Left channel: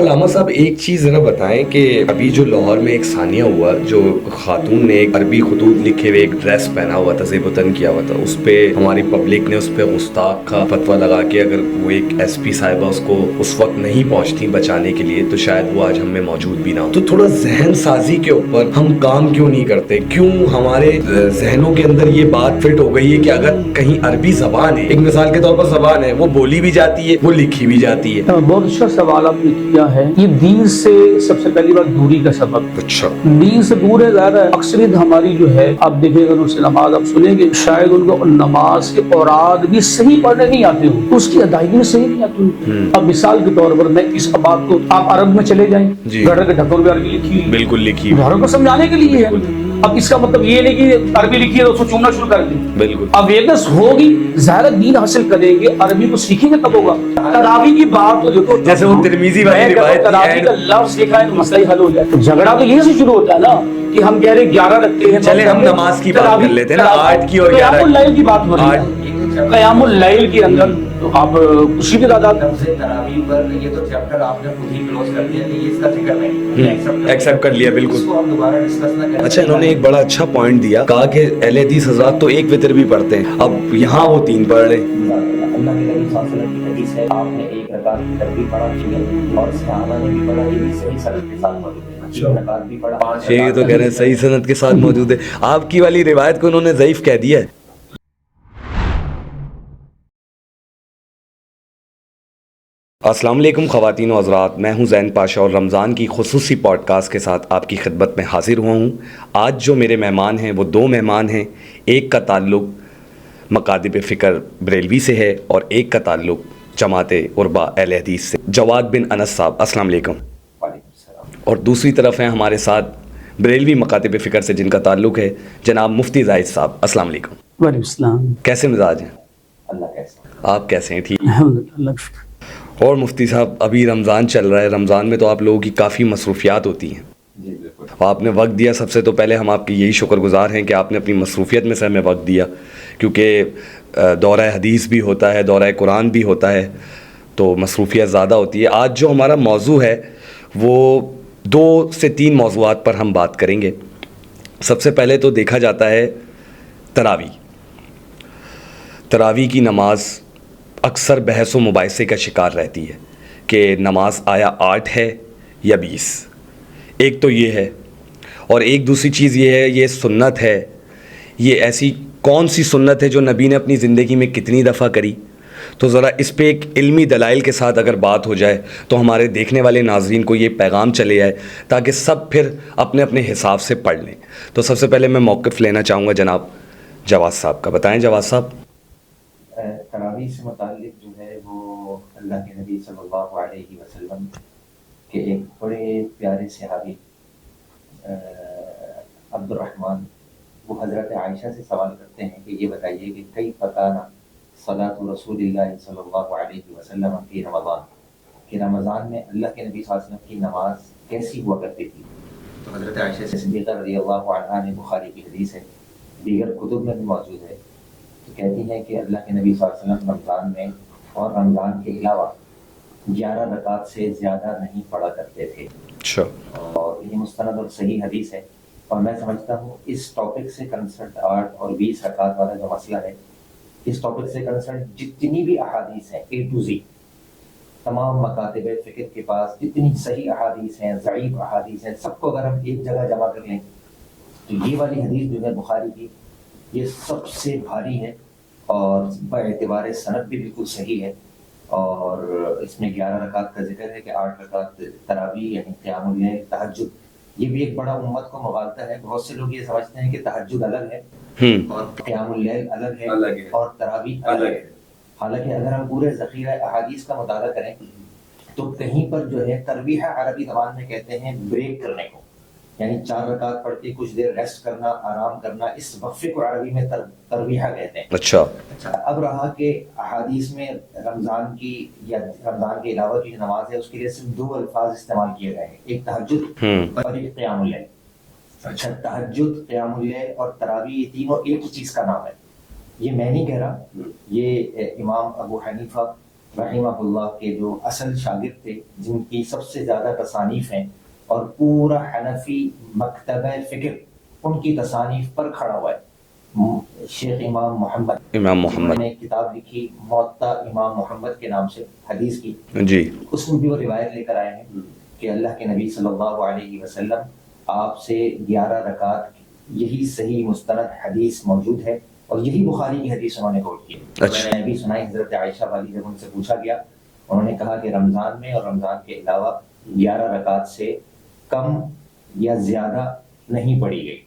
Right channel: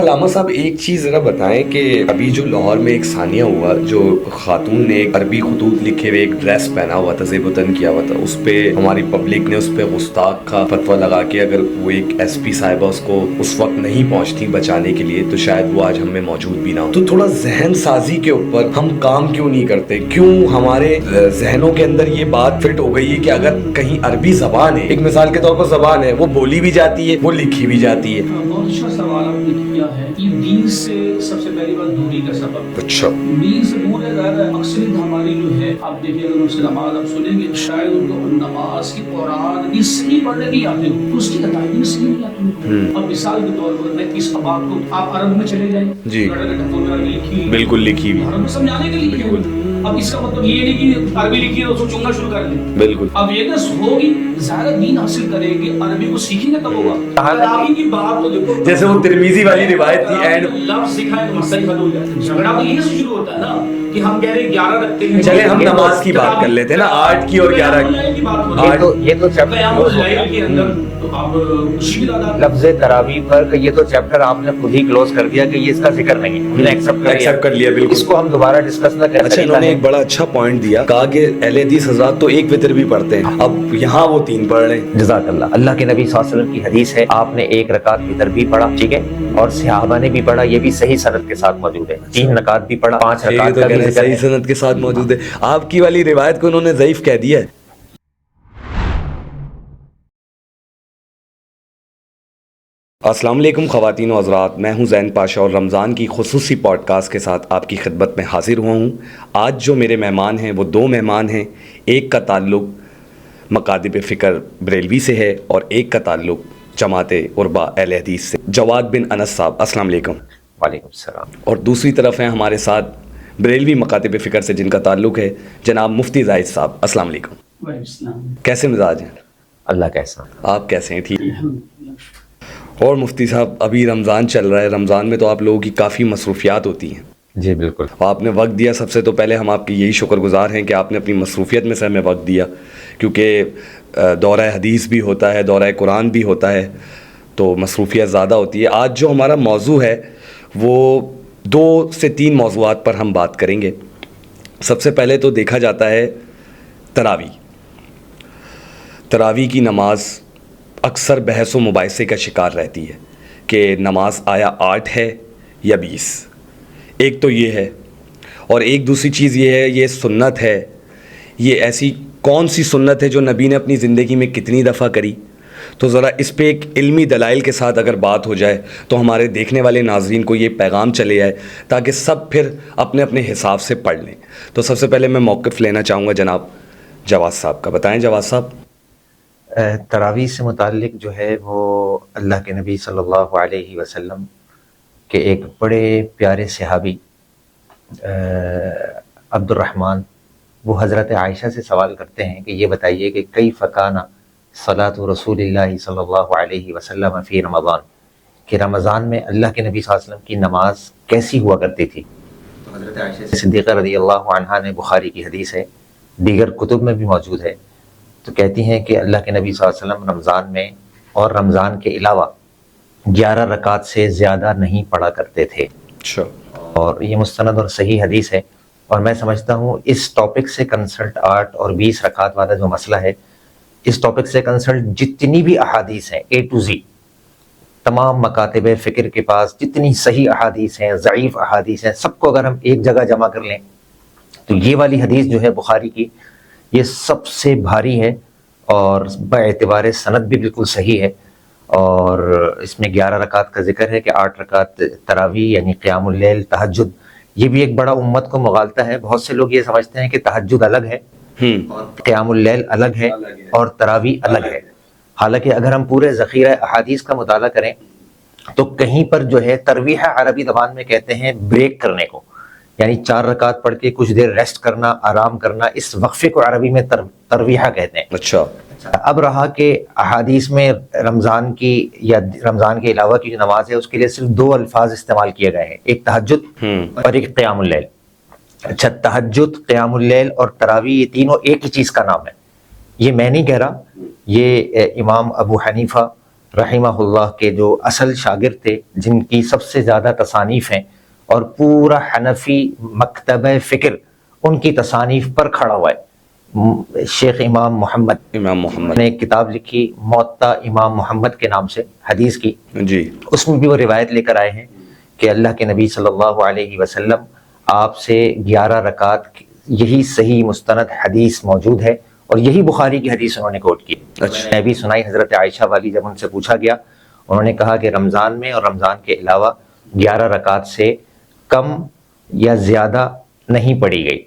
علامہ صاحب ایک چیز ذرا بتائیں کہ ابھی جو لاہور میں ایک ثانیہ ہوا، جو خاتون نے ایک عربی خطوط لکھے ہوئے ایک ڈریس پہنا ہوا تھا، زیب وطن کیا ہوا تھا، اس پہ ہماری پبلک نے اس پہ گستاخ کا فتویٰ لگا کے اگر وہ ایک ایس پی صاحبہ اس کو اس وقت نہیں پہنچتی بچانے کے لیے تو شاید وہ آج ہم میں موجود بھی نہ ہو۔ تو تھوڑا ذہن سازی کے اوپر ہم کام کیوں نہیں کرتے؟ کیوں ہمارے ذہنوں کے اندر یہ بات فٹ ہو گئی ہے کہ اگر کہیں عربی زبان ہے، ایک مثال کے طور پر زبان ہے، وہ بولی بھی جاتی ہے، وہ لکھی بھی جاتی ہے۔ بہت اچھا سوال آپ نے کیا ہے۔ یہ دین سے سب سے پہلی بات دوری کا سبب ہے۔ اچھا، دین سے دور ہے زیادہ اکثریت ہماری جو ہے، آپ دیکھیں اگر ان سے نماز آپ سنیں گے، شاید ان کو نماز کے اوراد بھی صحیح پڑھنے نہیں آتے ہو، اس کی ادائیگی بھی صحیح نہیں آتی ہو۔ اب مثال کے طور پر میں اس بات کو آپ عرب میں چلے جائیں، گھر کے ڈھکن میں عربی لکھی ہوئی، بالکل لکھی ہوئی، گھروں کو سمجھانے کے لیے ہے۔ اب اس کا مطلب یہ نہیں کہ عربی لکھی ہے تو اس کو چوننا شروع کر دیں۔ بالکل اویئرنس ہوگی، ظاہر دین حاصل کریں گے، عربی کو سیکھیں گے تب ہوگا۔ تراویح کی بات تو دیکھو، جیسے وہ ترمذی والی روایت تھی، تراویح کا لفظ دیکھا ہے تو مسئلہ ہی حل ہو جاتا ہے۔ جھگڑا تو یہیں سے شروع ہوتا ہے نا کہ ہم کہہ رہے 11 رکھتے ہیں۔ چلے ہم نماز کی بات کر لیتے ہیں نا، 8 کی اور 11 قیام اللیل کی بات ہو رہی ہے۔ یہ تو قیام اللیل کے اندر تو آپ خوشی کی تعداد لفظ تراویح پر یہ تو چیپٹر آپ نے خود ہی کلوز کر دیا کہ یہ اس کا ذکر نہیں، ایکسپٹ کر لیا، بالکل۔ اس کو ہم دوبارہ ڈسکس نہ کریں۔ اچھا، انہوں نے ایک بڑا اچھا پوائنٹ دیا، کہا کہ اہل حدیث حضرات تو ایک وتر بھی پڑھتے ہیں، اب یہاں وہ 3 پڑھ رہے ہیں۔ جزاک اللہ۔ اللہ کے نبی صلی اللہ علیہ وسلم کی حدیث ہے، آپ نے 1 رکعت وتر بھی پڑھا، ٹھیک ہے، اور صحابہ نے بھی پڑھا، یہ بھی صحیح سند کے ساتھ موجود ہے۔ 3 رکعت بھی پڑھا، 5 رکعت یہ تو کہہ رہے ہیں صحیح سند کے ساتھ موجود ہے۔ آپ کی والی روایت کو انہوں نے ضعیف کہہ دیا ہے۔ السلام علیکم خواتین و حضرات، میں ہوں زین پاشا اور رمضان کی خصوصی پوڈ کاسٹ کے ساتھ آپ کی خدمت میں حاضر ہوا ہوں۔ آج جو میرے مہمان ہیں وہ 2 مہمان ہیں، ایک کا تعلق مکاتب فکر بریلوی سے ہے اور ایک کا تعلق جماعت عربا اہل حدیث سے۔ جواد بن انس صاحب، السلام علیکم۔ وعلیکم السلام۔ اور دوسری طرف ہیں ہمارے ساتھ بریلوی مکاتب فکر سے جن کا تعلق ہے جناب مفتی زاہد صاحب، السلام علیکم۔ وعلیکم السلام۔ کیسے مزاج ہیں؟ اللہ کیسا؟ آپ کیسے ہیں؟ ٹھیک۔ الحمدللہ۔ اور مفتی صاحب، ابھی رمضان چل رہا ہے، رمضان میں تو آپ لوگوں کی کافی مصروفیات ہوتی ہیں۔ جی بالکل۔ آپ نے وقت دیا، سب سے تو پہلے ہم آپ کی یہی شکر گزار ہیں کہ آپ نے اپنی مصروفیت میں سے ہمیں وقت دیا، کیونکہ دورہ حدیث بھی ہوتا ہے، دورہ قرآن بھی ہوتا ہے، تو مصروفیت زیادہ ہوتی ہے۔ آج جو ہمارا موضوع ہے وہ 2 سے 3 موضوعات پر ہم بات کریں گے۔ سب سے پہلے تو دیکھا جاتا ہے تراویح۔ تراویح کی نماز اکثر بحث و مباحثے کا شکار رہتی ہے کہ نماز آیا 8 ہے یا 20۔ ایک تو یہ ہے، اور ایک دوسری چیز یہ ہے، یہ سنت ہے، یہ ایسی کون سی سنت ہے جو نبی نے اپنی زندگی میں کتنی دفعہ کری؟ تو ذرا اس پہ ایک علمی دلائل کے ساتھ اگر بات ہو جائے تو ہمارے دیکھنے والے ناظرین کو یہ پیغام چلے جائے تاکہ سب پھر اپنے اپنے حساب سے پڑھ لیں۔ تو سب سے پہلے میں موقف لینا چاہوں گا جناب جواز صاحب کا۔ بتائیں جواز صاحب۔ تراویح سے متعلق جو ہے وہ اللہ کے نبی صلی اللہ علیہ وسلم کے ایک بڑے پیارے صحابی عبد الرحمن، وہ حضرت عائشہ سے سوال کرتے ہیں کہ یہ بتائیے کہ کیف کان صلاۃ رسول اللہ صلی اللہ علیہ وسلم فی رمضان، کہ رمضان میں اللہ کے نبی صلی اللہ علیہ وسلم کی نماز کیسی ہوا کرتی تھی؟ تو حضرت عائشہ صدیقہ رضی اللہ عنہا نے، بخاری کی حدیث ہے، دیگر کتب میں بھی موجود ہے، تو کہتی ہیں کہ اللہ کے نبی صلی اللہ علیہ وسلم رمضان میں اور رمضان کے علاوہ 11 رکعت سے زیادہ نہیں پڑھا کرتے تھے۔ اچھا۔ اور یہ مستند اور صحیح حدیث ہے، اور میں سمجھتا ہوں اس ٹاپک سے کنسلٹ 8 اور 20 رکعت والا جو مسئلہ ہے، اس ٹاپک سے کنسلٹ جتنی بھی احادیث ہیں A to Z، تمام مکاتب فکر کے پاس جتنی صحیح احادیث ہیں، ضعیف احادیث ہیں، سب کو اگر ہم ایک جگہ جمع کر لیں تو یہ والی حدیث جو ہے بخاری کی، یہ سب سے بھاری ہے اور باعتبار سند بھی بالکل صحیح ہے۔ اور اس میں 11 رکعت کا ذکر ہے کہ 8 رکعت تراویح یعنی قیام اللیل، تہجد، یہ بھی ایک بڑا امت کو مغالطہ ہے۔ بہت سے لوگ یہ سمجھتے ہیں کہ تہجد الگ ہے اور قیام اللیل الگ ہے اور تراویح الگ ہے، حالانکہ اگر ہم پورے ذخیرہ احادیث کا مطالعہ کریں تو کہیں پر جو ہے ترویح عربی زبان میں کہتے ہیں بریک کرنے کو، یعنی 4 رکعت پڑھ کے کچھ دیر ریسٹ کرنا، آرام کرنا، اس وقفے کو عربی میں ترویحہ کہتے ہیں۔ اچھا۔ اب رہا کہ احادیث میں رمضان کی یا رمضان کے علاوہ کی جو نماز ہے اس کے لیے صرف 2 الفاظ استعمال کیے گئے ہیں، ایک تہجد اور ایک قیام اللیل۔ اچھا، تہجد، قیام اللیل اور تراویح یہ تینوں ایک ہی چیز کا نام ہے، یہ میں نہیں کہہ رہا، یہ امام ابو حنیفہ رحمہ اللہ کے جو اصل شاگرد تھے، جن کی سب سے زیادہ تصانیف ہیں اور پورا حنفی مکتبہ فکر ان کی تصانیف پر کھڑا ہوا ہے، شیخ امام محمد نے ایک کتاب لکھی موطا امام محمد کے نام سے، حدیث کی جی، اس میں بھی وہ روایت لے کر آئے ہیں کہ اللہ کے نبی صلی اللہ علیہ وسلم آپ سے 11 رکعت، یہی صحیح مستند حدیث موجود ہے اور یہی بخاری کی حدیث انہوں نے کوٹ کی۔ میں نے بھی سنائی حضرت عائشہ والی، جب ان سے پوچھا گیا انہوں نے کہا کہ رمضان میں اور رمضان کے علاوہ 11 رکعت سے کم یا زیادہ نہیں پڑھی گئی۔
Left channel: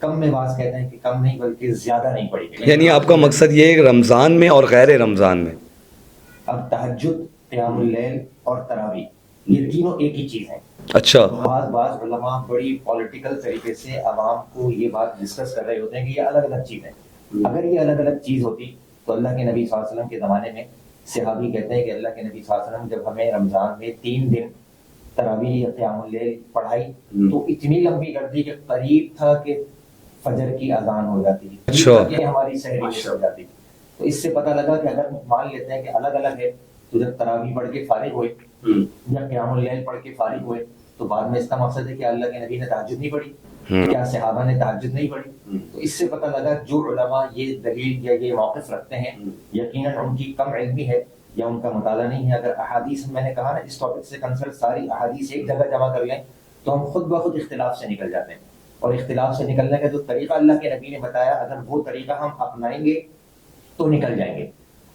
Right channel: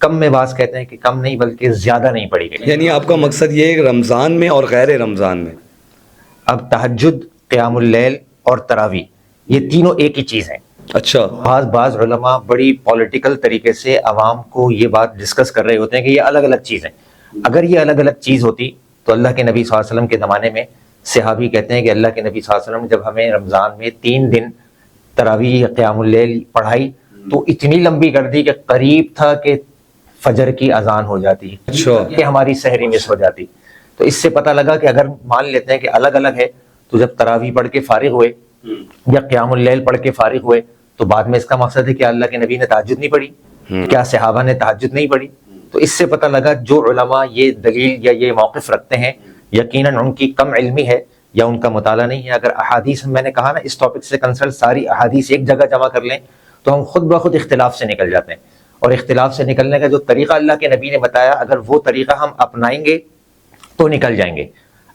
کم میں بعض کہتے ہیں کہ کم نہیں بلکہ زیادہ نہیں پڑھی گئی، یعنی آپ کا مقصد یہ ہے کہ رمضان میں اور غیر رمضان میں؟ اب تہجد، قیام اللیل اور تراویح یہ تینوں ایک ہی چیز ہیں۔ اچھا، بعض علماء بڑی پولیٹیکل طریقے سے عوام کو یہ بات ڈسکس کر رہے ہوتے ہیں کہ یہ الگ الگ چیز ہیں۔ اگر یہ الگ الگ چیز ہوتی تو اللہ کے نبی صلی اللہ علیہ وسلم کے زمانے میں صحابی کہتے ہیں کہ اللہ کے نبی صلی اللہ علیہ وسلم جب ہمیں رمضان میں 3 دن تراویح قیام اللیل پڑھائی تو اتنی لمبی کر دی کہ قریب تھا کہ فجر کی اذان ہو جاتی، کہ ہماری سحری مس ہو جاتی۔ تو اس سے پتہ لگا کہ اگر مان لیتے ہیں کہ الگ الگ ہے تو جب تراویح پڑھ کے فارغ ہوئے یا قیام اللیل پڑھ کے فارغ ہوئے تو بعد میں اس کا مقصد ہے کہ اللہ کے نبی نے تہجد نہیں پڑھی، کیا صحابہ نے تہجد نہیں پڑھی؟ تو اس سے پتہ لگا جو علماء یہ دلیل یا یہ موقف رکھتے ہیں یقیناً ان کی کم علمی ہے یا ان کا مطالعہ نہیں ہے۔ اگر احادیث، میں نے کہا نا اس ٹاپک سے کنسرن ساری احادیث ایک جگہ جمع کر لیں تو ہم خود بخود اختلاف سے نکل جاتے ہیں، اور اختلاف سے نکلنے کا جو طریقہ اللہ کے نبی نے بتایا اگر وہ طریقہ ہم اپنائیں گے تو نکل جائیں گے۔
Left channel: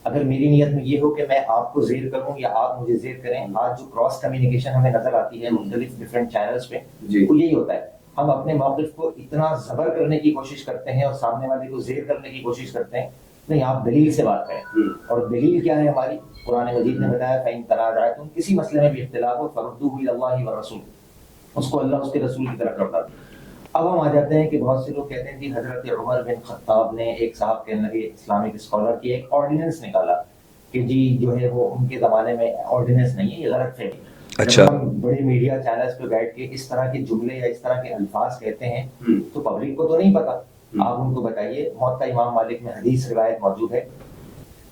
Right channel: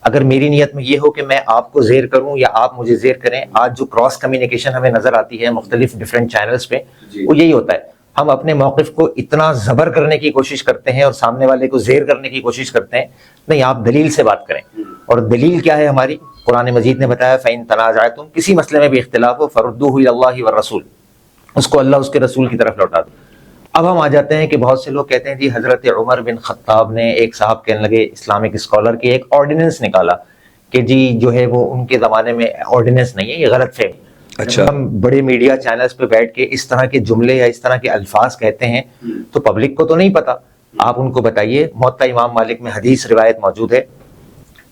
اگر میری نیت میں یہ ہو کہ میں آپ کو زیر کروں یا آپ مجھے زیر کریں، آج جو کراس کمیونیکیشن ہمیں نظر آتی ہے مختلف ڈیفرنٹ چینلز پہ، وہ یہی ہوتا ہے، ہم اپنے موقف کو اتنا زبر کرنے کی کوشش کرتے ہیں اور سامنے والے کو زیر کرنے کی کوشش کرتے ہیں۔ نہیں، آپ دلیل سے بات کریں، اور دلیل کیا ہے ہماری؟ قرآن مجید نے بتایا فَإِن تَنَازَعْتُمْ، کسی مسئلے میں بھی اختلاف ہو فَرُدُّوهُ إِلَى اللَّهِ وَالرَّسُولِ، اس کو اللہ اس کے رسول کی طرف لوٹا دو۔ اب ہم آ جاتے ہیں کہ بہت سے لوگ کہتے ہیں جی حضرت عمر بن خطاب نے، ایک صاحب کہنے لگے اسلامک اسکالر کے، ایک آرڈیننس نکالا کہ جی جو ہے وہ ان کے زمانے میں آرڈیننس نہیں ہے، یہ غلط فہمی۔ اچھا، ہم بڑے میڈیا چینلز پہ بیٹھ کے اس طرح کے جملے یا اس طرح کے الفاظ کہتے ہیں تو پبلک کو تو نہیں پتا، آپ ان کو بتائیے۔ موطا امام مالک میں حدیث روایت موجود ہے،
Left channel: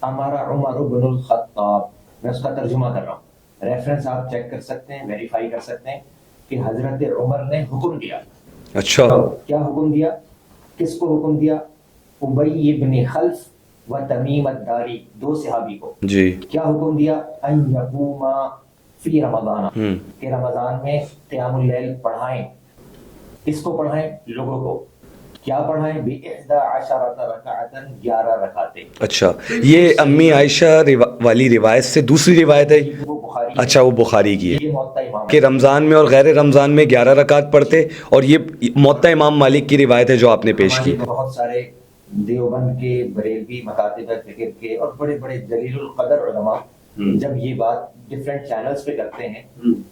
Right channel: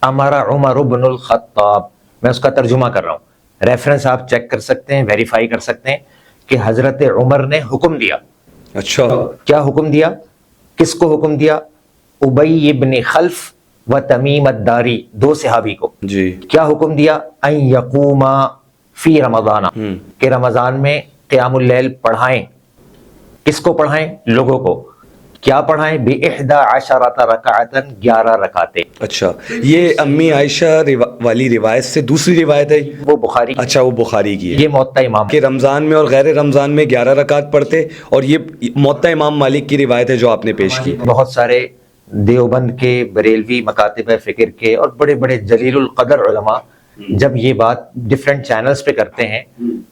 امر عمر بن الخطاب، میں اس کا ترجمہ کر رہا ہوں، ریفرنس آپ چیک کر سکتے ہیں، ویریفائی کر سکتے ہیں کہ حضرت عمر نے حکم دیا۔ اچھا، کیا حکم دیا؟ کس کو حکم دیا؟ ابی ابن خلف و تمیم الداری، 2 صحابی کو جی، کیا حکم دیا؟ ان یقوما فی رمضان، کہ رمضان میں قیام اللیل پڑھائیں۔ کس کو پڑھائیں؟ لوگوں کو۔ کیا پڑھائیں؟ ب11 رکعتا، 11 رکعتیں۔ اچھا، یہ امی عائشہ والی روایت سے دوسری روایت ہے؟ وہ بخاری، اچھا، وہ بخاری کی ہے یہ موطا امام کہ رمضان میں اور غیر رمضان میں 11 رکعت پڑھتے، اور یہ موطا امام مالک کی روایت ہے جو آپ نے پیش کی۔ بہت سارے دیوبند کے، بریلوی مکاتب فکر کے اور بڑے بڑے جلیل القدر علماء جب یہ بات ڈیفرنٹ چینلز پہ کرتے ہیں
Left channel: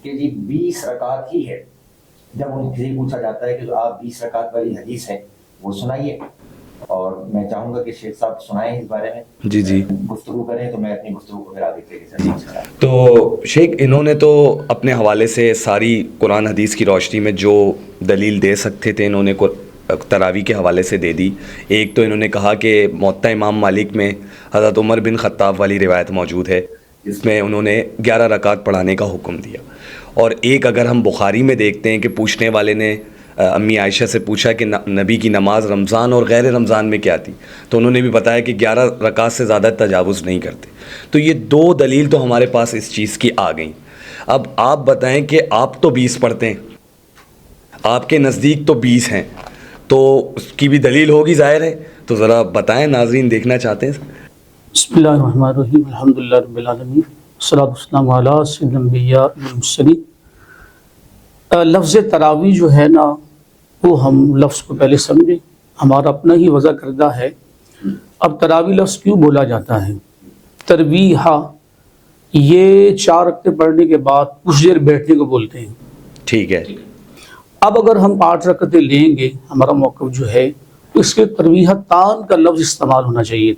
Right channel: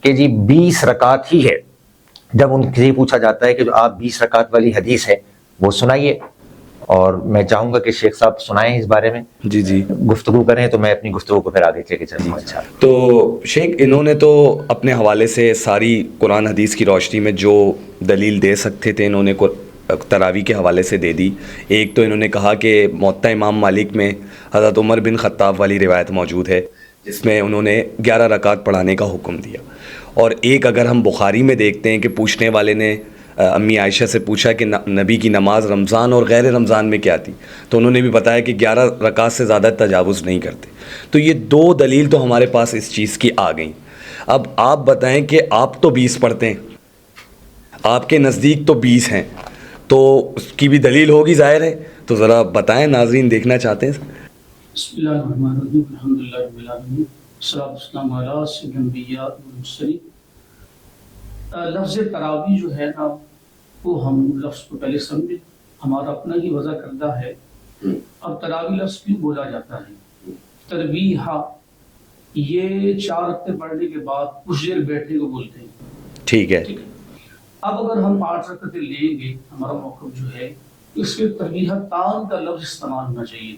کہ جی 20 رکعت ہی ہے، جب ان سے پوچھا جاتا ہے کہ جو آپ 20 رکعت والی حدیث ہے وہ سنائیے، اور میں چاہوں گا کہ شیخ صاحب سنائیں اس بارے میں، جی جی، گفتگو کریں تو میں اپنی گفتگو کو پھر آگے لے کے چلوں گا۔ تو شیخ انہوں نے تو اپنے حوالے سے ساری قرآن حدیث کی روشنی میں جو دلیل دے سکتے تھے انہوں نے تراویح کے حوالے سے دے دی۔ ایک تو انہوں نے کہا کہ موطا امام مالک میں حضرت عمر بن خطاب والی روایت موجود ہے جس میں انہوں نے 11 رکعت پڑھانے کا حکم دیا، اور ایک اگر ہم بخاری میں دیکھتے ہیں کہ پوچھنے والے نے امی عائشہ سے پوچھا کہ نبی کی نماز رمضان اور غیر رمضان میں کیا تھی، تو انہوں نے بھی بتایا کہ 11 رکعت سے زیادہ تجاوز نہیں کرتے۔ تو یہ 2 دلیل تو ہمارے پاس اس چیز کی آ گئیں۔ اب آپ بتائیں کہ آپ تو 20 پڑھتے ہیں، آپ کے نزدیک تو 20 ہیں، تو اس کی بھی دلیل ہوگی ظاہر ہے، تو ذرا بتائیں، ناظرین دیکھنا چاہتے ہیں۔ بسم اللہ الرحمن الرحیم، الحمدللہ رب العالمین، والصلاۃ والسلام علی سید الانبیاء والمرسلین۔ لفظ تراویح جو ہے نا، وہ ہم لفظ کو پہلے سمجھیں، ہمارا اپنا ہی وضع کردہ ہے۔ اب تراویح لفظ کیوں بولا جاتا ہے؟ ترویح، یہ 4 رکعتیں پڑھنے کے بعد کچھ دیر بیٹھنے کو بولتے ہیں۔ ٹھیک ہے، اب اگر ہم 8 رکعتیں لیں گے، ہمارا موقف جو ہے، تو اس کے ترویحتان کا لفظ استعمال ہونا چاہیے،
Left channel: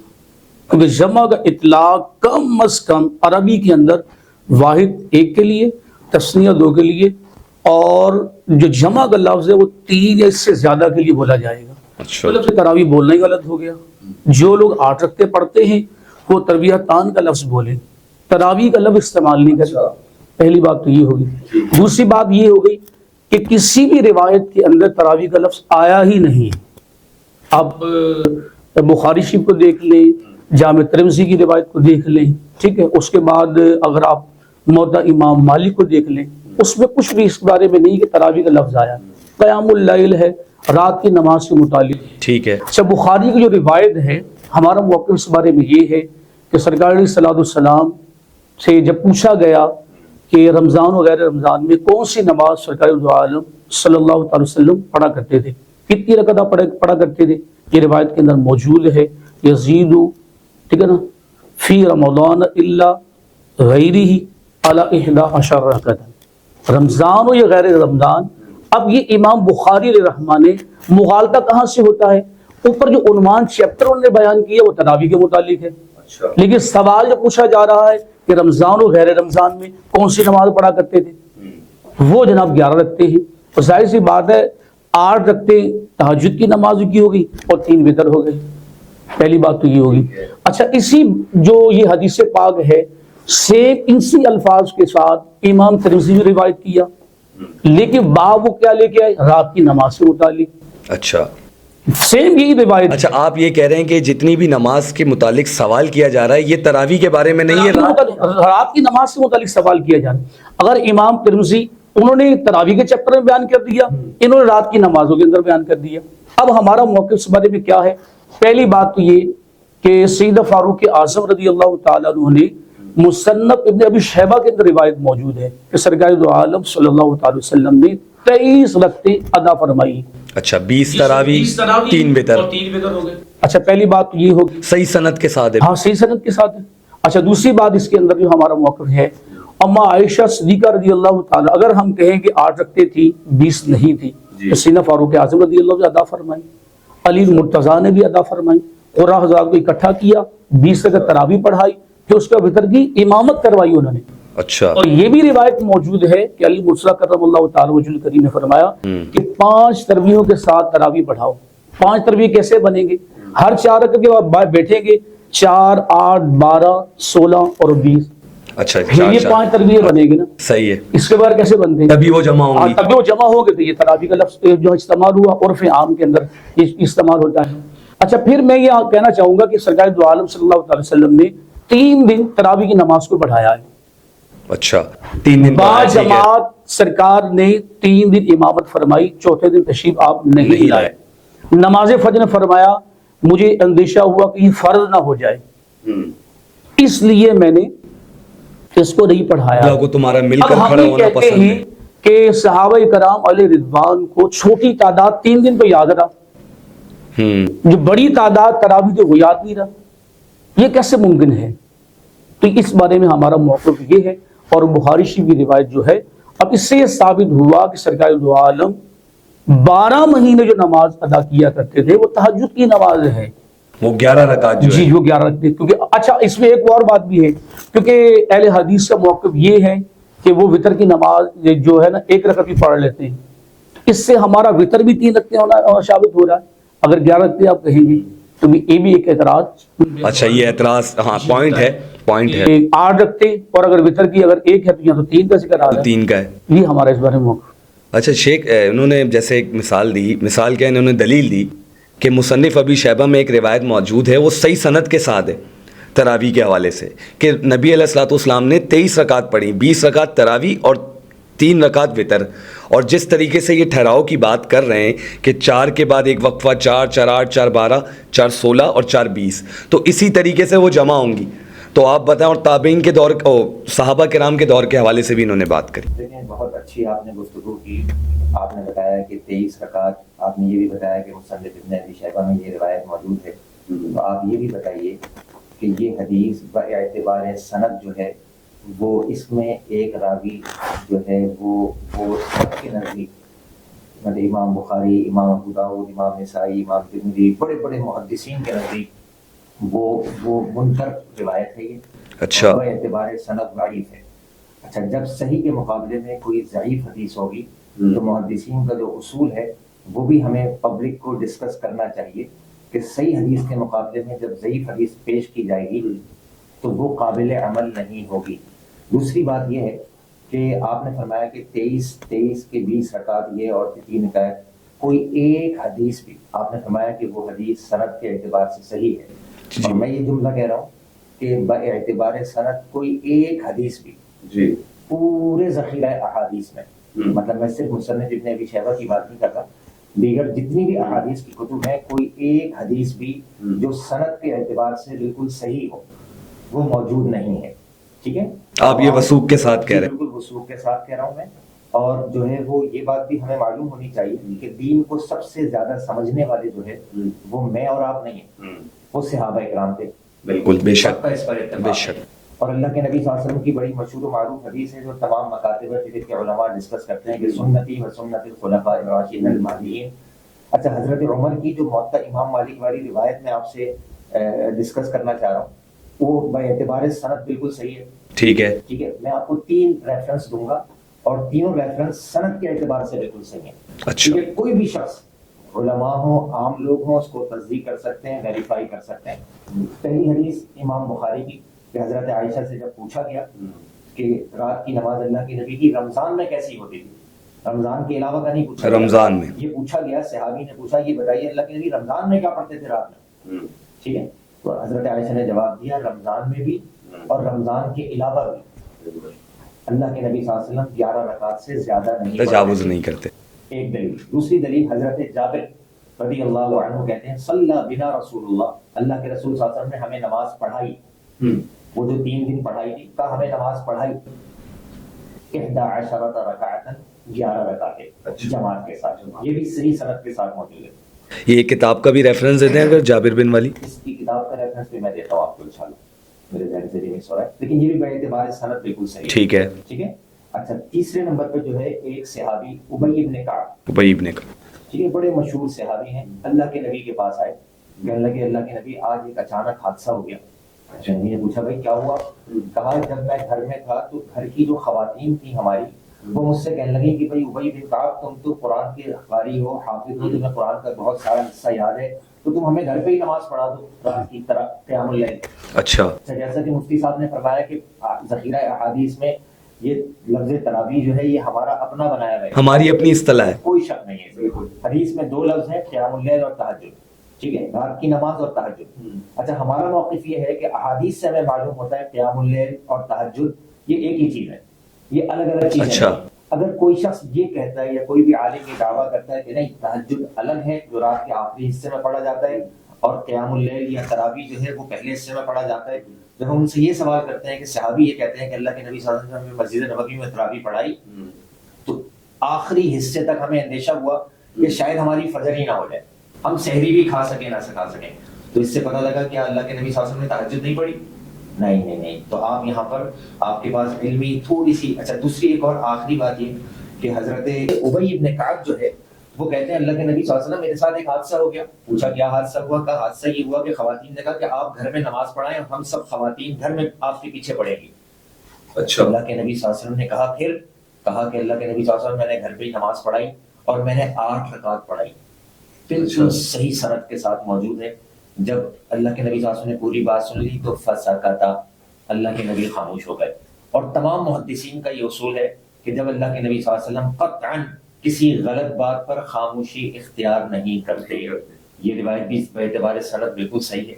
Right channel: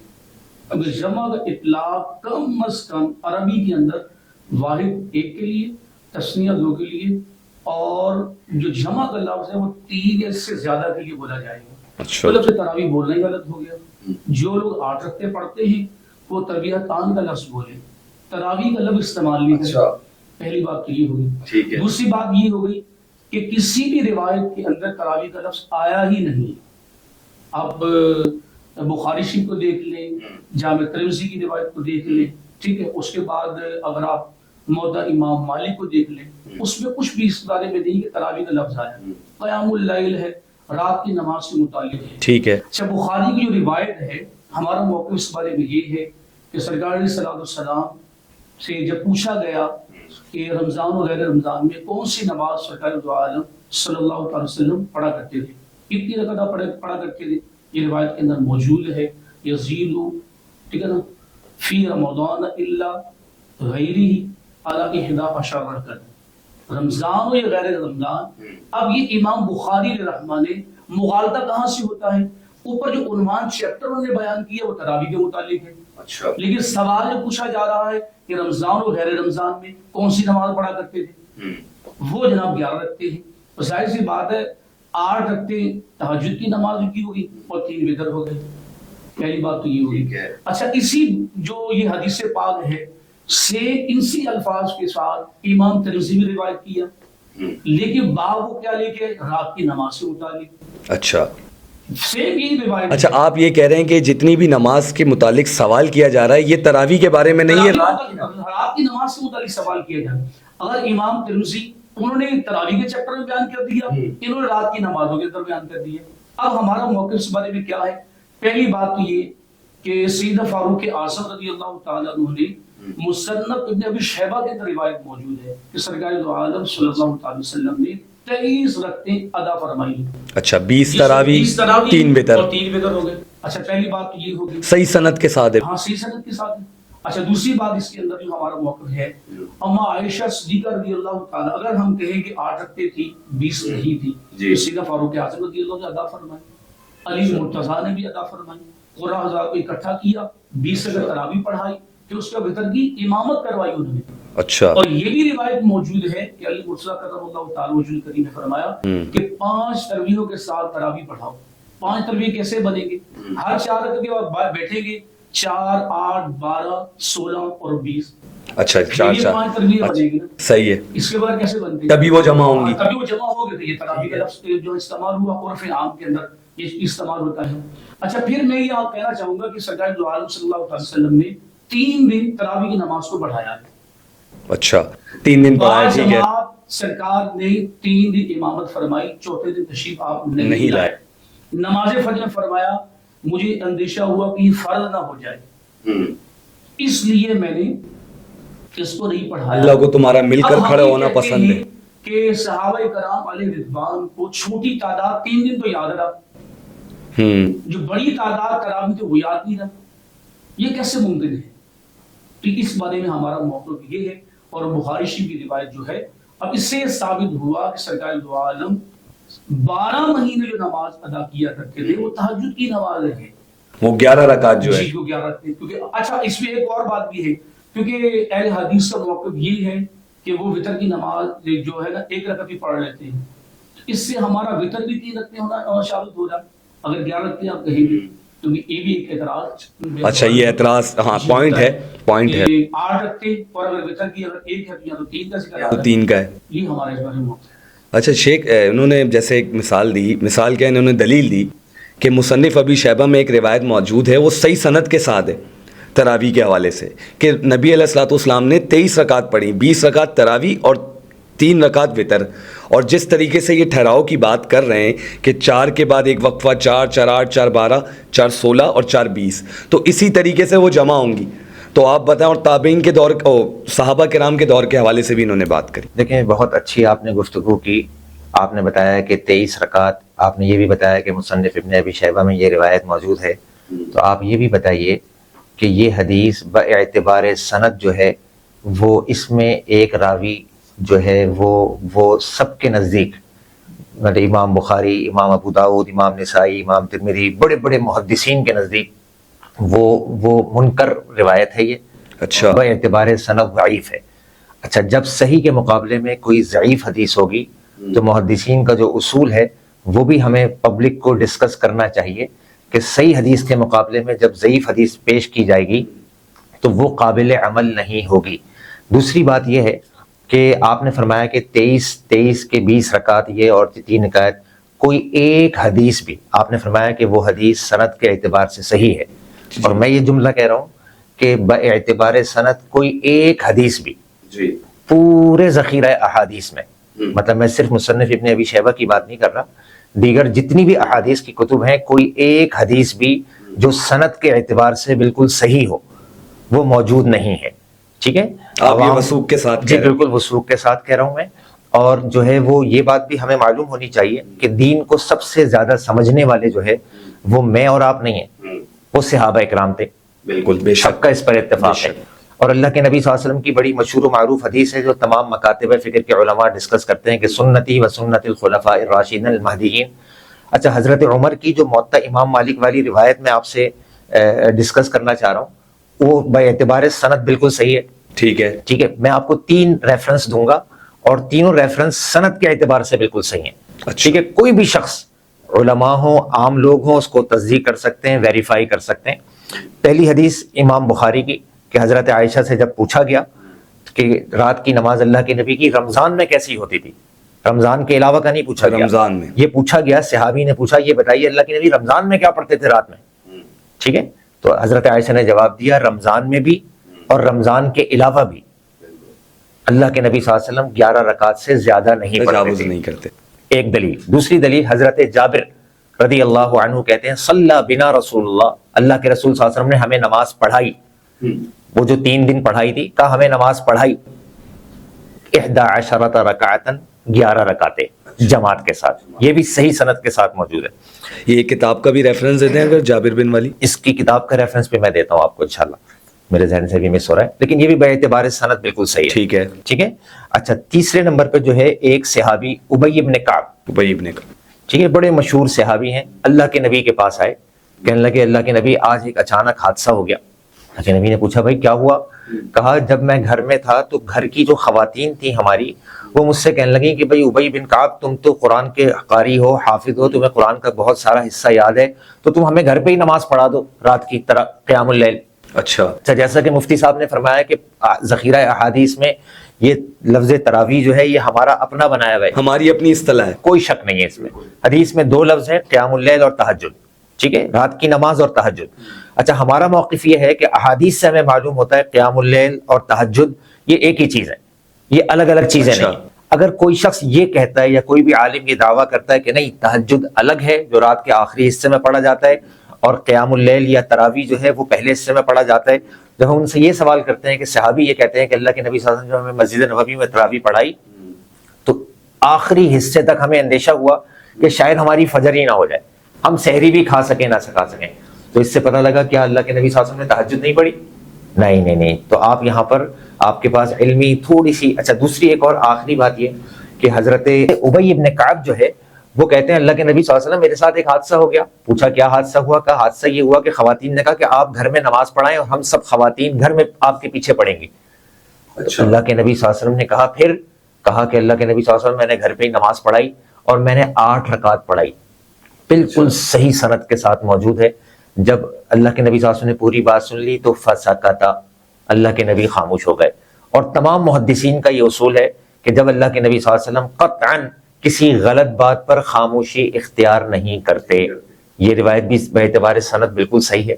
کیونکہ جمع کا اطلاق کم از کم عربی کے اندر واحد 1 کے لیے، تثنیہ 2 کے لیے، اور جو جمع کا لفظ ہے وہ 3 یا اس سے زیادہ کے لیے بولا جائے گا۔ اچھا، تو لفظ تراویح بولنا ہی غلط ہو گیا۔ جو لوگ 8 رکعتیں پڑھتے ہیں وہ ترویحتان کا لفظ بولیں، تراویح کا لفظ استعمال نہیں کرے. پہلی بات تو یہ ہوگی. دوسری بات یہ ہو گئی کہ کسی بھی روایت کے اندر تراویح کا لفظ آیا ہی نہیں. آپ بخاری شریف کو دیکھ لیں, جامع ترمذی کی روایت کو دیکھ لیں, ٹھیک ہے, اس کے بعد اگر آپ موطا امام مالک کو دیکھ لیں, اس میں کچھ بھی اس بارے میں نہیں کہ تراویح کا لفظ آیا. قیام اللیل ہے, رات کی نماز کے متعلق, ٹھیک ہے. اچھا, بخاری کی جو روایت ہے, ہمارا موقف اس بارے میں یہ ہے کہ سرکار علیہ الصلوۃ والسلام سے جب پوچھا گیا کہ رمضان و غیر رمضان میں کون سی نماز سرکار دو عالم صلی اللہ علیہ وسلم پڑھا کرتے تھے, کتنی رکعت آپ پڑھا کرتے تھے, یہ روایت کے اندر موجود ہے. یزید, ٹھیک ہے نا, فی رمضان الا غیرہ علی 11 رکعت, رمضان ہو یا غیر رمضان. اب یہ امام بخاری علیہ رحمہ نے مغالطہ کہاں سے ہوتا ہے, اوپر جو عنوان چیپٹر انہوں نے بیان کیا وہ تراویح کے متعلق ہے, لیکن سوال جو پوچھا جا رہا ہے کہ رمضان و غیر رمضان میں کون سی نماز پڑھا کرتے تھے, وہ جناب 11 رکھتے ہیں. اور ظاہر سی بات ہے 8 رکھتے تہجد کی نماز کی ہوگی اور 3 وتر ہو گئے. پہلی بات تو یہ ہوگی. اچھا, اسی جو یہ حدیث پاک ہے سے انسی الفاظ کے ساتھ امام ترمذی نے روایت کیا, لیکن باب وہ کیا لے کے آئے, رات کی نماز سے متعلق. اچھا, سیم یہی روایت. اچھا, آپ یہ کہہ رہے ہیں کہ جتنی بھی نماز کے متعلق سوال کیا جا رہا ہے یہ تراویح کے بارے میں نہیں ہے, رات کی نماز سے متعلق سوال کیا جا رہا ہے. اگر امام ترمذی انہوں نے تراویح کے چیپٹر میں بیان کر دیا, انہوں نے رات کی نمازوں کے اندر بیان کر دیا. اب ہمارا موقف اس بارے میں کیا ہے؟ پہلی بات تو یہ کہ سیدنا فاروق اعظم رضی اللہ تعالیٰ عنہ نے مصنف ابن ابی شیبہ کے اندر روایت موجود ہے کہ سرکار دو عالم صلی اللہ تعالی وسلم نے 23 رکعتیں ادا فرمائی. اچھا, 20 تراویح 3 وتر ہو گئے. اچھا, پہلی بات تو یہ ہوگی صحیح سند کے ساتھ ہے. ہاں, صحیح سند کے ساتھ ہے. اچھا, دوسری بات اس کے اندر جو ہمارا موقف ہے, اما عائشہ صدیقہ رضی اللہ تعالیٰ, اگر ہم کہیں کہ 8 رکعتیں تھی 20 نہیں تھی, تو سیدنا فاروق اعظم رضی اللہ نے ادا فرمائی, علی مرتضیٰ نے بھی ادا فرمائی, قرہ حضرات کو اکٹھا کیا, 20 رکعت تراویح پڑھائی, پھر اس کا وتر کی امامت کروائی انہوں نے. اچھا, اور یہ بھی روایت موجود ہے کہ علی مرتضیٰ کرم اللہ تعالی وجہ الکریم نے فرمایا کہ 5 تراویحوں کے ساتھ تراویح پڑھاؤ. 5 تراویح کیسے بنیں گے؟ ہر 4 رکعت کے بعد بیٹھیں گے, 4 8 12 16 اور 20. اچھا, یہ 5 تراویح بنے گی نا, صحیح ہے. اس کے بعد کیسے بنتے ہیں؟ تبھی وہ جمع ہوں گی. تبھی وہ جمع ہو گئے. تو یہ تراویح کا لفظ جو استعمال ہوا عرف عام کے اندر یہ استعمال ہوتا ہے. اچھا, پھر میں یہ کہنا چاہوں گا کہ سرکار دو عالم صلی اللہ علیہ وسلم نے 3 دن تراویح کی نماز کو بڑھایا ہے. اچھا, 3 دن پڑھایا, ٹھیک ہے. سرکار نے 3 دن امامت فرمائی, چوتھے دن تشریف آپ نہیں لائے. نماز فجر نے فرمایا مجھے اندیشہ ہوا کہ یہ فرض نہ ہو جائے, اس لیے میں نے اس کو نہیں پڑھایا. اللہ کو تمہارا مل کر کھڑا ہونا پسند ہے. کہ صحابہ کرام علیہ رضوان کو چھوٹی تعداد 3 دن تو یاد رہا, جو بڑی تعداد تراویح تو وہ یاد نہیں رہا. یہ کیسے ممکن ہے؟ تو اس بارے میں ہمارا موقف یہ ہے. اور بخاری شریف کی روایت جو ہے, اب اس سے یہ ثابت ہوا کہ سرکار دو عالم 12 مہینے جو نماز ادا کیا کرتے تھے وہ تہجد کی نماز ہے, وہ 11 رکعت جو ہے. جی, وہ 11 رکعت. کیونکہ اچھا, اس میں ایک اور بات بھی ہے, کیونکہ اہل حدیث کا موقف یہ ہے کہ وہ وتر کی نماز جو ہے نا 1 رکعت بھی پڑھ لیتے ہیں. اس سے ہمارا وتر بھی 3 رکعتیں ہونا ثابت ہو رہا ہے. اگر 11 رکعتیں آپ کہیں گے تو یہ بھی ایک اعتراض. اچھا, یہ اعتراض, ہاں, پوائنٹ ہے. 8 رکھتے اور اگر وتر کی اگر 1 ہے تو 3 کا ذکر آ رہا ہے, 3 کا ہے. یہ ہمارا اس بارے میں موقف. اچھا شیخ, انہوں نے جیسے ایک مثال دی, مثال کیا, انہوں نے دلیل دی کہ مصنف ابی شیبہ میں ایک روایت موجود ہے, وہ صحیح سند کے ساتھ ہے تراویح کے حوالے سے, کہ نبی علیہ الصلوۃ والسلام نے 23 رکعت پڑھی, 20 رکعت تراویح اور 3 رکعت وتر. اور جس طریقے سے یہ ٹھہراؤ کی بات کر رہے ہیں کہ 4 کے بعد ایک وقفہ, 4 4 8 4 12 4 16 اور 4 20, تو اسی طریقے سے وہ جمع ہوں گی. تو آپ بتائیں, اور تابعین کے دور, صحابہ کرام کے دور کے حوالے سے بھی انہوں نے بات کری. دیکھیں, بہت اچھی آپ نے گفتگو کی. آپ نے بتایا کہ 23 رکعت, آپ نے یہ بھی بتایا کہ مصنف ابن ابی شیبہ میں یہ روایت موجود ہے. تو آپ یہ بھی بتائیے کہ یہ حدیث باعتبار سند جو ہے وہ اس میں ایک راوی جو ہے وہ سب کے نزدیک, مطلب امام بخاری, امام ابو داؤد, امام نسائی, امام ترمذی, بڑے بڑے محدثین کے نزدیک وہ منکر روایت ہے یہ. اچھا, باعتبار سند ضعیف ہے. اچھا, جب صحیح کے مقابلے میں کوئی ضعیف حدیث ہوگی تو محدثین کا جو اصول ہے وہ بھی ہمیں پبلک کو ڈسکس کرنا چاہیے کہ صحیح حدیث کے مقابلے میں جب ضعیف حدیث پیش کی جائے گی تو وہ قابل عمل نہیں ہوگی۔ دوسری بات یہ ہے کہ آپ نے فرمایا کہ 23 کے 20 رکعت یہ اور 3 رکعت، کوئی ایک حدیث بھی آپ نے فرمایا کہ وہ حدیث سند کے اعتبار سے صحیح ہے، اور میں یہ جملہ کہہ رہا ہوں کہ باعتبار سند کوئی ایک حدیث بھی پورے ذخیرہ احادیث میں، مطلب میں صرف مصنف ابن ابی شیبہ کی بات نہیں کر رہا، دیگر جتنی بھی احادیث کی کتب ہیں، کوئی ایک حدیث بھی جو سند کے اعتبار سے بالکل صحیح ہو وہ موجود نہیں ہے، ٹھیک ہے؟ آپ یہ وثوق کے ساتھ کہہ رہے ہیں؟ بالکل وثوق کے ساتھ کہہ رہا ہوں میں، اور جو ہے وہ یہ بات بھی ہمیں معلوم ہونی چاہیے کہ دین کو سب سے زیادہ سمجھنے والے جو ہے وہ میں اور آپ نہیں ہیں، وہ صحابہ اکرام تھے، بالکل بے شک کا اس پر اتفاق ہے۔ اور اللہ کے نبی صلی اللہ علیہ وسلم کی بڑی مشہور و معروف حدیث ہے جو تمام مکاتب فکر کے علماء ڈسکس کرتے ہیں کہ سنتی و سنت الخلفاء الراشدین المہدیین۔ اچھا، حضرت عمر کی جو موطا امام مالک والی روایت میں آپ سے ڈسکس کرنا چاہ رہا ہوں، وہ باعتبار سند بالکل صحیح ہے، ٹھیک ہے، ٹھیک ہے؟ میں آپ کو 3 ریفرنس دوں گا اور تینوں ریفرنس سند کے اعتبار سے بالکل صحیح ہیں، ٹھیک ہے؟ کوئی بھی شخص، علماء ہوں، عام لوگ ہوں، اس کو تصدیق کر سکتے ہیں، ویریفائی کر سکتے ہیں۔ پہلی حدیث امام بخاری کی کہ حضرت عائشہ سے جب پوچھا گیا کہ رات کی نماز اللہ کے نبی کی رمضان میں کیسی ہوتی تھی، رمضان کے علاوہ کا نہیں پوچھا گیا، رمضان میں یہ پوچھا گیا، صحابی نے پوچھا یہ بتائیے اللہ کے نبی رمضان میں کیا پڑھتے تھے رات میں، ٹھیک ہے؟ تو حضرت عائشہ نے جواب دیا رمضان میں بھی اور رمضان کے علاوہ بھی اللہ کے نبی صلی اللہ علیہ وسلم 11 رکعت سے زیادہ نہیں تجاوز نہیں کرتے۔ ایک دلیل۔ دوسری دلیل حضرت جابر رضی اللہ عنہ کہتے ہیں صلی بنا رسول اللہ، اللہ کے رسول صلی اللہ علیہ وسلم نے ہمیں نماز پڑھائی، وہ جو 3 دن پڑھائی تھی، کہا ہمیں نماز پڑھائی 11 رکعتن، 11 رکعتیں جماعت کے ساتھ، یہ بھی صحیح سند کے ساتھ موجود ہے۔ یہ کتاب کا بھی ریفرنس دیتے ہیں اگر جابر بن والی؟ اس کی کتاب کا ریفرنس بھی میں دیتا ہوں آپ کو انشاءاللہ، میرے ذہن سے بھی مس ہو رہا ہے، لیکن یہ بھی باعتبار سند بالکل صحیح ہے، ٹھیک ہے، ٹھیک ہے؟ اچھا، تیسرے نمبر پہ جو ہے ایک صحابی ابی بن کعب، ابی بن کعب، ٹھیک ہے، بڑے مشہور صحابی ہیں، اللہ کے نبی کے پاس آئے، کہنے لگے اللہ کے نبی آج ایک اچانک حادثہ ہو گیا۔ اللہ کے نبی نے پوچھا بھائی کیا ہوا؟ کہا جب میں گھر میں تھا تو گھر کی جو خواتین تھیں ہماری، وہ مجھ سے کہنے لگیں کہ بھائی ابی بن کعب تم تو قرآن کے قاری ہو، حافظ ہو، تمہیں قرآن کا بہت سارا حصہ یاد ہے، تو تم ہمیں گھر پہ ہی نماز پڑھا دو رات کی طرح قیام اللیل۔ اچھا، جیسا کہ مفتی صاحب نے فرمایا کہ ذخیرہ احادیث میں یہ لفظ تراویح جو ہے یہ ہمارا اپنا بنایا ہوا ہے، ہماری اپنی اصطلاح ہے، کوئی شک نہیں ہے اس میں۔ حدیث میں 2 لفظ ہیں، قیام اللیل اور تہجد، ٹھیک ہے، رات کی نماز اور تہجد۔ اچھا، ہمارا موقف یہ ہے کہ احادیث سے ہمیں معلوم ہوتا ہے قیام اللیل اور تہجد یہ ایک ہی چیز ہے، یہ الگ الگ چیزیں نہیں۔ اگر کوئی شخص یہ کہتا ہے یا کوئی بھی عالم یہ دعویٰ کرتا ہے کہ نہیں تہجد الگ ہے جو رات کے آخری حصے میں پڑھا جاتا ہے، اور قیام اللیل یا تراویح جو ہے وہ پہلے حصے میں پڑھا جاتا ہے، جب ہم ان سے یہ سوال کرتے ہیں کہ صحابی یہ کہتے ہیں کہ اللہ کے نبی صلی اللہ علیہ وسلم نے ہمیں مسجد نبوی میں تراویح پڑھائی، تو آخری حصے تک ہمیں اندیشہ ہوا کہ شاید ہماری فجر ہی نہ ہو جائے، ہم سحری بھی کھا سکیں نہ کھا سکیں، تو اس سے پتہ لگا کیا اللہ کے نبی صلی اللہ علیہ وسلم نے تہجد نہیں پڑھی؟ نہیں، تو آپ یہاں پر آپ کے پاس علمی تھوڑی سی۔ اچھا، دوسری ایک اور آخری بات یہ کہ حضرت ابی بن کعب جو ہے وہ کہتے ہیں اللہ کے نبی صلی اللہ علیہ وسلم میرے ساتھ ایک حادثہ ہو گیا۔ پوچھا کیا حادثہ ہوا؟ کہا حادثہ یہ ہوا کہ خواتین نے کہا کہ آپ گھر میں نماز پڑھائیں اور ہم سب خواتین گھر میں آپ کے پیچھے پڑھیں گی۔ اچھا، اللہ کے نبی صلی اللہ علیہ وسلم نے کہا پھر؟ کہا کہ اللہ کے نبی صلی اللہ علیہ وسلم میں نے گھر پہ ہی نماز پڑھائی اور میں نے 8 رکعت پڑھائی، بالکل صحیح سند کے ساتھ موجود ہے۔ جب اللہ کے نبی صلی اللہ علیہ وسلم نے پوری بات سن لی تو فسکتا، اللہ کے نبی خاموش ہو گئے۔ اور تمام محدثین کا یہ اصول ہے کہ جب اللہ کے نبی صلی اللہ علیہ وسلم قطعاً کسی غلط بات پر خاموشی اختیار نہیں کرتے، یہ روایت بھی باعتبار سند بالکل صحیح ہے۔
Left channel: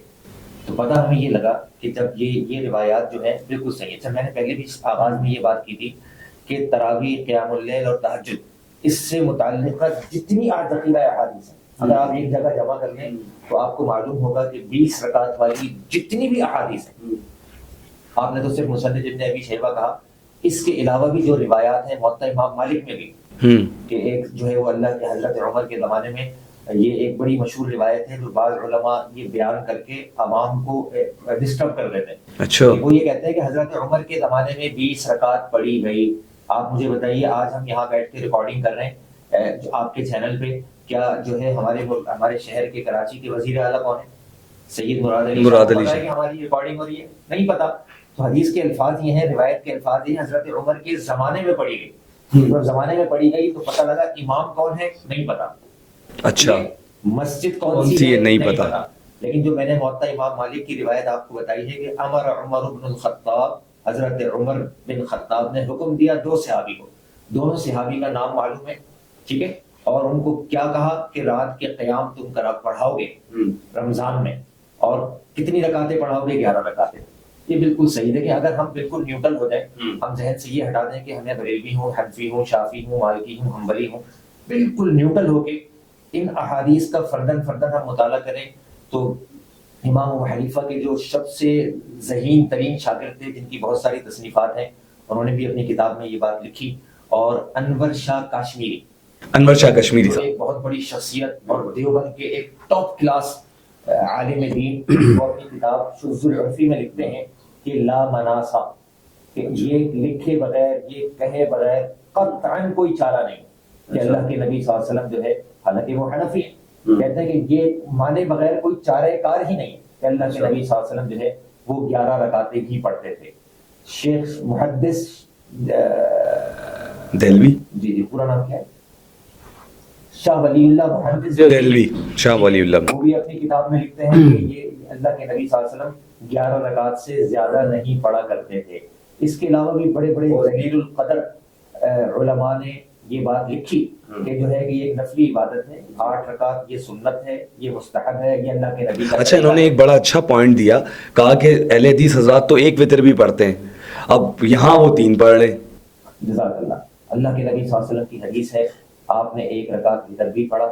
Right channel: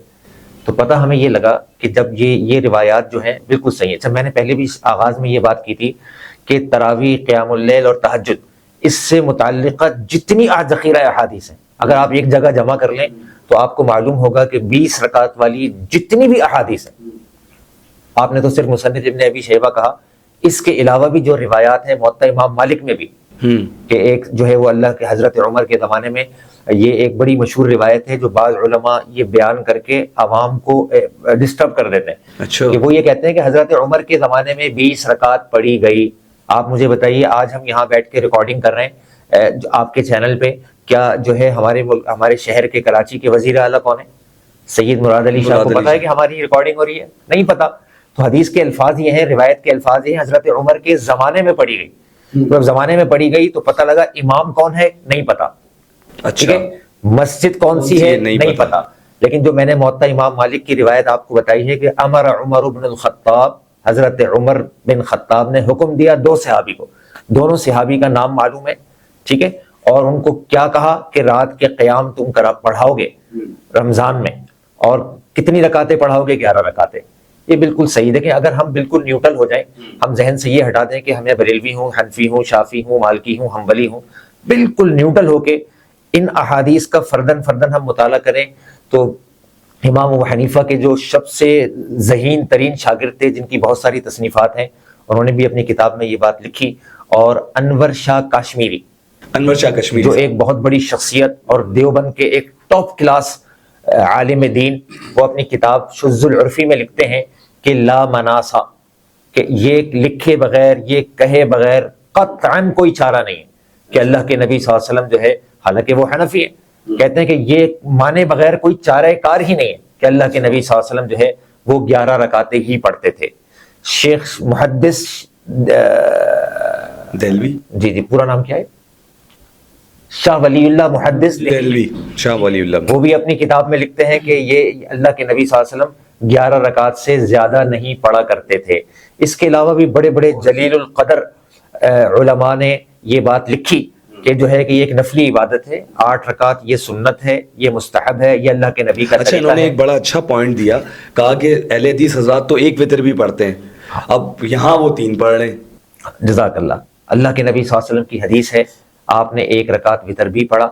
تو پتہ ہمیں یہ لگا کہ جب یہ روایات جو ہیں بالکل صحیح ہے۔ اچھا، میں نے پہلے بھی آغاز میں یہ بات کی تھی کہ تراویح، قیام اللیل اور تہجد اس سے متعلقہ جتنی ذخیرہ احادیث ہیں اگر آپ ایک جگہ جمع کر لیں تو آپ کو معلوم ہوگا کہ 20 رکعت والی جتنی بھی احادیث ہیں، آپ نے تو صرف مصنف ابن ابی شیبہ کہا، اس کے علاوہ بھی جو روایات ہیں موطا امام مالک میں بھی، کہ ایک جو ہے وہ اللہ کے حضرت عمر کے زمانے میں یہ ایک بڑی مشہور روایت ہے جو بعض علماء یہ بیان کر کے عوام کو ڈسٹرب کر دیتے ہیں۔ اچھا، کہ وہ یہ کہتے ہیں کہ حضرت عمر کے زمانے میں 20 رکعت پڑھی گئی۔ آپ مجھے بتائیے آج ہم یہاں بیٹھ کے ریکارڈنگ کر رہے ہیں آپ کے چینل پہ، کیا جو ہے ہمارے شہر کے کراچی کے وزیر اعلیٰ کون ہیں؟ سید مراد علی شاہ کو پتا ہے کہ ہماری ریکارڈنگ ہو رہی ہے؟ نہیں پتا۔ تو حدیث کے الفاظ یہ ہیں، روایت کے الفاظ یہ ہیں حضرت عمر کے زمانے میں پڑھی گئی۔ جب زمانے میں پڑھی گئی تو پتہ لگا امام کون ہے نہیں پتا، اچھا، مسجد کون سی ہے نہیں پتا، لیکن جو میں نے موطا امام مالک کی روایت آپ کو بتائی ہے کہ امر عمر بن الخطاب، حضرت عمر بن خطاب نے حکم دیا دو صحابی کو، دونوں صحابی کا نام معلوم ہے، ٹھیک ہے، اور ان کو کیا کہا کہ رات کے قیام تم پڑھاؤ گے رمضان میں، اور کتنی رکعتیں پڑھاؤ گے؟ 11 رکعتیں۔ یہ بالکل صحیح۔ دیکھیں اگر ہم بالکل نیوٹرل ہو جائیں، ہم ذہن سے یہ ہٹا دیں کہ ہمیں بریلوی ہوں، حنفی ہوں، شافی ہوں، مالکی ہوں، حنبلی ہوں، بالکل نیوٹرل ہو کے ان احادیث کا فردن فردن ہم مطالعہ کریں، تو امام ابو حنیفہ کے جو سب سے ذہین ترین شاگرد تھے، جن کی بہت ساری تصنیفات ہیں، انہوں نے بھی اپنی کتاب میں یہ بات لکھی، اور انور شاہ کشمیری جو ایک بہت بڑی شخصیت اور دیوبند کے ایک ٹاپ کلاس عالم دین، وہ اپنی کتاب شذ العرفی میں لکھتے ہیں کہ لا مناسا، کہ یہ لکھے بغیر، یہ کہے بغیر قطعاً کوئی چارہ نہیں کہ اللہ کے نبی صلی اللہ علیہ وسلم جو ہے، حالانکہ وہ حنفی ہیں، کہتے ہیں کہ یہ مانے بغیر کوئی چارہ کار ہی نہیں ہے کہ اللہ کے نبی صلی اللہ علیہ وسلم جو ہے وہ 11 رکعتیں ہی پڑھتے تھے۔ شیخ محدث دہلوی، جی پورا نام کیا ہے؟ شاہ ولی اللہ محدث دہلوی، شاہ ولی اللہ، وہ بھی اپنی کتاب میں لکھتے ہیں کہ یہ اللہ کے نبی صلی اللہ علیہ وسلم 11 رکعت سے زیادہ نہیں پڑھا کرتے تھے۔ اس کے علاوہ بھی بڑے بڑے جلیل القدر علماء نے یہ بات لکھی کہ جو ہے کہ یہ ایک نفلی عبادت ہے، 8 رکعت یہ سنت ہے، یہ مستحب ہے، یہ اللہ کے نبی کا اچھا، انہوں نے ایک بڑا اچھا پوائنٹ دیا، کہا کہ اہل حدیث حضرات تو ایک وتر بھی پڑھتے ہیں، اب یہاں وہ 3 پڑھ رہے ہیں۔ جزاک اللہ۔ اللہ کے نبی صلی اللہ علیہ وسلم کی حدیث ہے، آپ نے 1 رکعت وتر بھی پڑھا،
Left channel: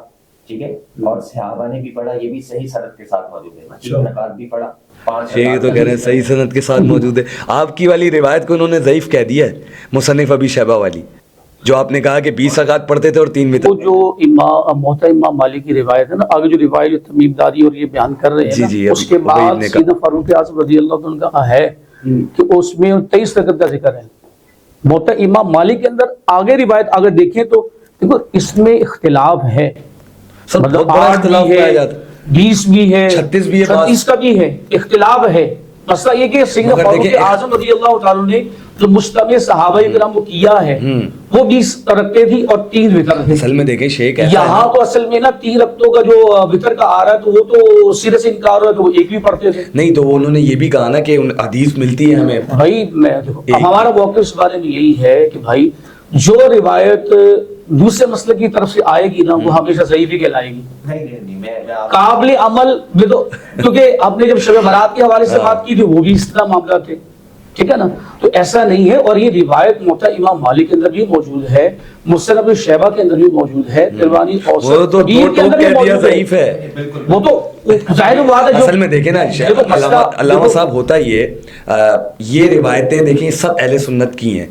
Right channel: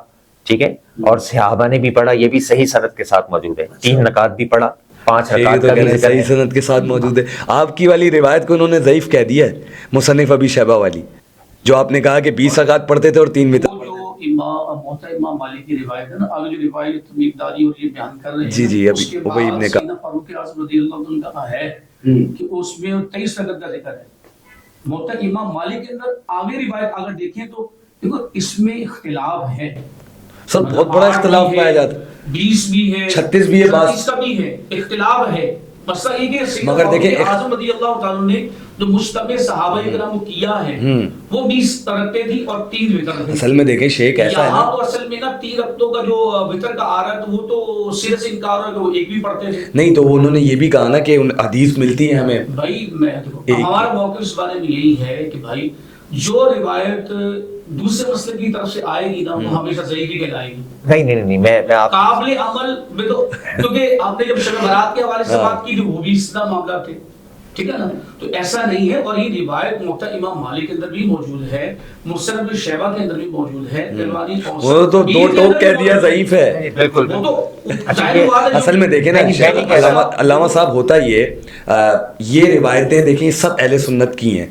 ٹھیک ہے، اور صحابہ نے بھی پڑھا، یہ بھی صحیح سند کے ساتھ موجود ہے، 3 رکعت بھی پڑھا، 5 یہ رکعت تو کہہ رہے ہیں صحیح سند کے ساتھ موجود ہے۔ آپ کی والی روایت کو انہوں نے ضعیف کہہ دیا ہے، مصنف ابی شیبہ والی، جو آپ نے کہا کہ 20 رکعت پڑھتے تھے اور 3 وتر۔ وہ جو موطا امام مالک کی روایت ہے نا، آگے جو روایت تمیم داری اور یہ بیان کر رہے ہیں جی، اس کے بعد سیدنا فاروق اعظم رضی اللہ عنہ کا ہے کہ اس میں 23 رکعت کا ذکر ہے۔ موطا امام مالک کے اندر آگے روایت اگر دیکھیں تو دیکھو اس میں اختلاف ہے، سر بہت بڑا اختلاف پایا جاتا ہے، 20 بھی ہے، 36 بھی ہے، 36 کا بھی ہے، اختلاف ہے۔ مسئلہ یہ کہ سیدنا فاروق اعظم رضی اللہ تعالیٰ نے جو مجتمع صحابہ کرام کو کیا ہے وہ 20 رکعتیں تھی اور 3 وتر تھے۔ اصل میں دیکھیں شیخ ایسا ہے یہاں تو اصل میں نا 3 رکعتوں کا جو وتر کا آ رہا ہے تو وہ تو سیرے سے انکار ہو رہا ہے، تو وہ ایک بھی پڑھتے تھے۔ نہیں تو انہوں نے یہ بھی کہا نا کہ حدیث ملتی ہے ہمیں۔ بھائی میں ہمارا موقف اس بارے میں یہی ہے کہ بھائی جو روایت دوسرے مسئلے کی طرف سے آئے گی نا وہ ہمیشہ ضعیف ہی کہلائے گی۔ نہیں میں قابل عمل میں تو، کیونکہ آپ نے جب شب برات کے حوالے سے بات کی تو وہ بھی اس طرح معاملہ تھے، ٹھیک ہے نا، تو ایسا نہیں ہے۔ اور یہ روایت موطا امام مالک کے اندر بھی موجود ہے، مصنف ابن شیبہ کے اندر بھی موجود ہے، دیوانی اوسط وہ تو دو ٹوک کہہ دیا ضعیف ہے، وہ تو ظاہر بات ہے۔ اصل میں دیکھیں نا علامہ صاحب، ہوتا یہ روایتیں دیکھیں سب اہل سنت کی ہیں،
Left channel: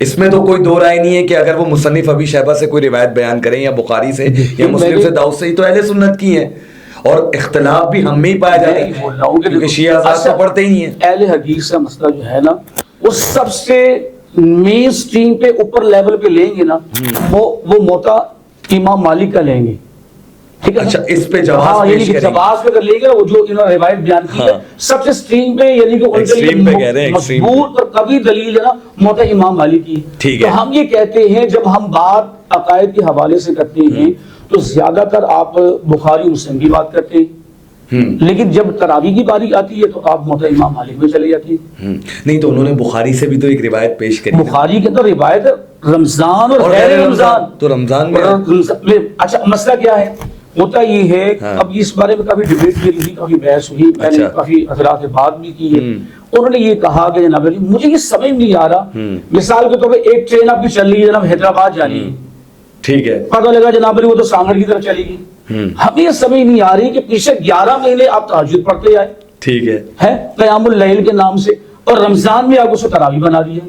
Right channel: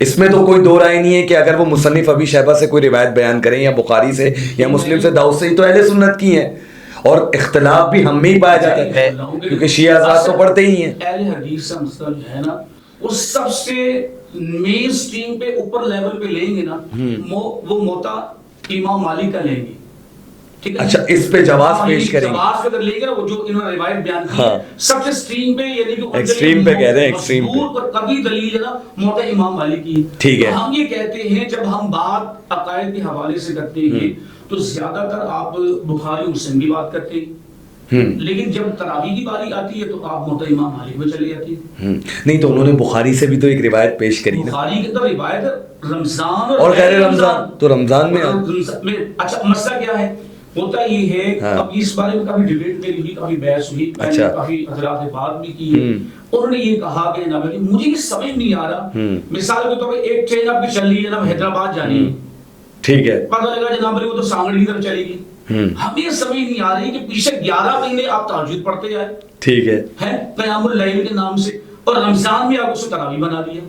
اس میں تو کوئی دو رائے نہیں ہے کہ اگر وہ مصنف ابی شیبہ سے کوئی روایت بیان کریں یا بخاری سے یا مسلم سے، داؤد سے، ہی تو اہل سنت کی ہیں، اور اختلاف بھی ہم میں ہی پایا جاتا ہے کیونکہ شیعہ حضرات تو پڑھتے ہی ہیں۔ اہل حدیث کا مسئلہ جو ہے نا وہ سب سے مین سٹریم پہ اوپر لیول پہ لیں گے نا، وہ موطا امام مالک کا لیں گے، ٹھیک ہے۔ اچھا، اس پہ جواز پیش کریں گے، جواز پہ لے گا وہ جو انہوں نے روایت بیان کی ہے سب سے سٹریم پہ، یعنی کہ ایکسٹریم پہ کہہ رہے ہیں، ایکسٹریم مضبوط اور قوی دلیل ہے نا موطا امام مالک کی۔ ٹھیک ہے، تو ہم یہ کہتے ہیں جب ہم بات عقائد کے حوالے سے کرتے ہیں تو زیادہ تر آپ بخاری مسلم کی بات کرتے ہیں، لیکن جب تراویح کی باری آتی ہے تو آپ موطا امام مالک میں چلی جاتی ہے۔ نہیں تو انہوں نے بخاری سے بھی تو ایک روایت پیش کری، بخاری کے اندر روایت رمضان اور غیر رمضان، تو رمضان میں اچھا مسئلہ کیا ہے ہوتا یہ ہے، اب اس بارے میں کافی ڈیبیٹ میری ہوئی، کافی بحث ہوئی، میں نے کافی حضرات سے بات بھی کی ہے، انہوں نے یہ کہا کہ جناب علی مجھے یہ سمجھ نہیں آ رہا، مثال کے طور پہ ایک ٹرین آپ کی چل رہی ہے جناب حیدرآباد جانی ہے، ٹھیک ہے، پتہ لگا جناب علی وہ تو سانگڑ کی طرف چلی گئی، ہمیں سمجھ نہیں آ رہی کہ پیچھے 11 مہینے آپ تہجد پڑھتے آئے، ٹھیک ہے، قیام اللیل کے نام سے، اور رمضان میں آپ اس کو تراویح بنا دیا،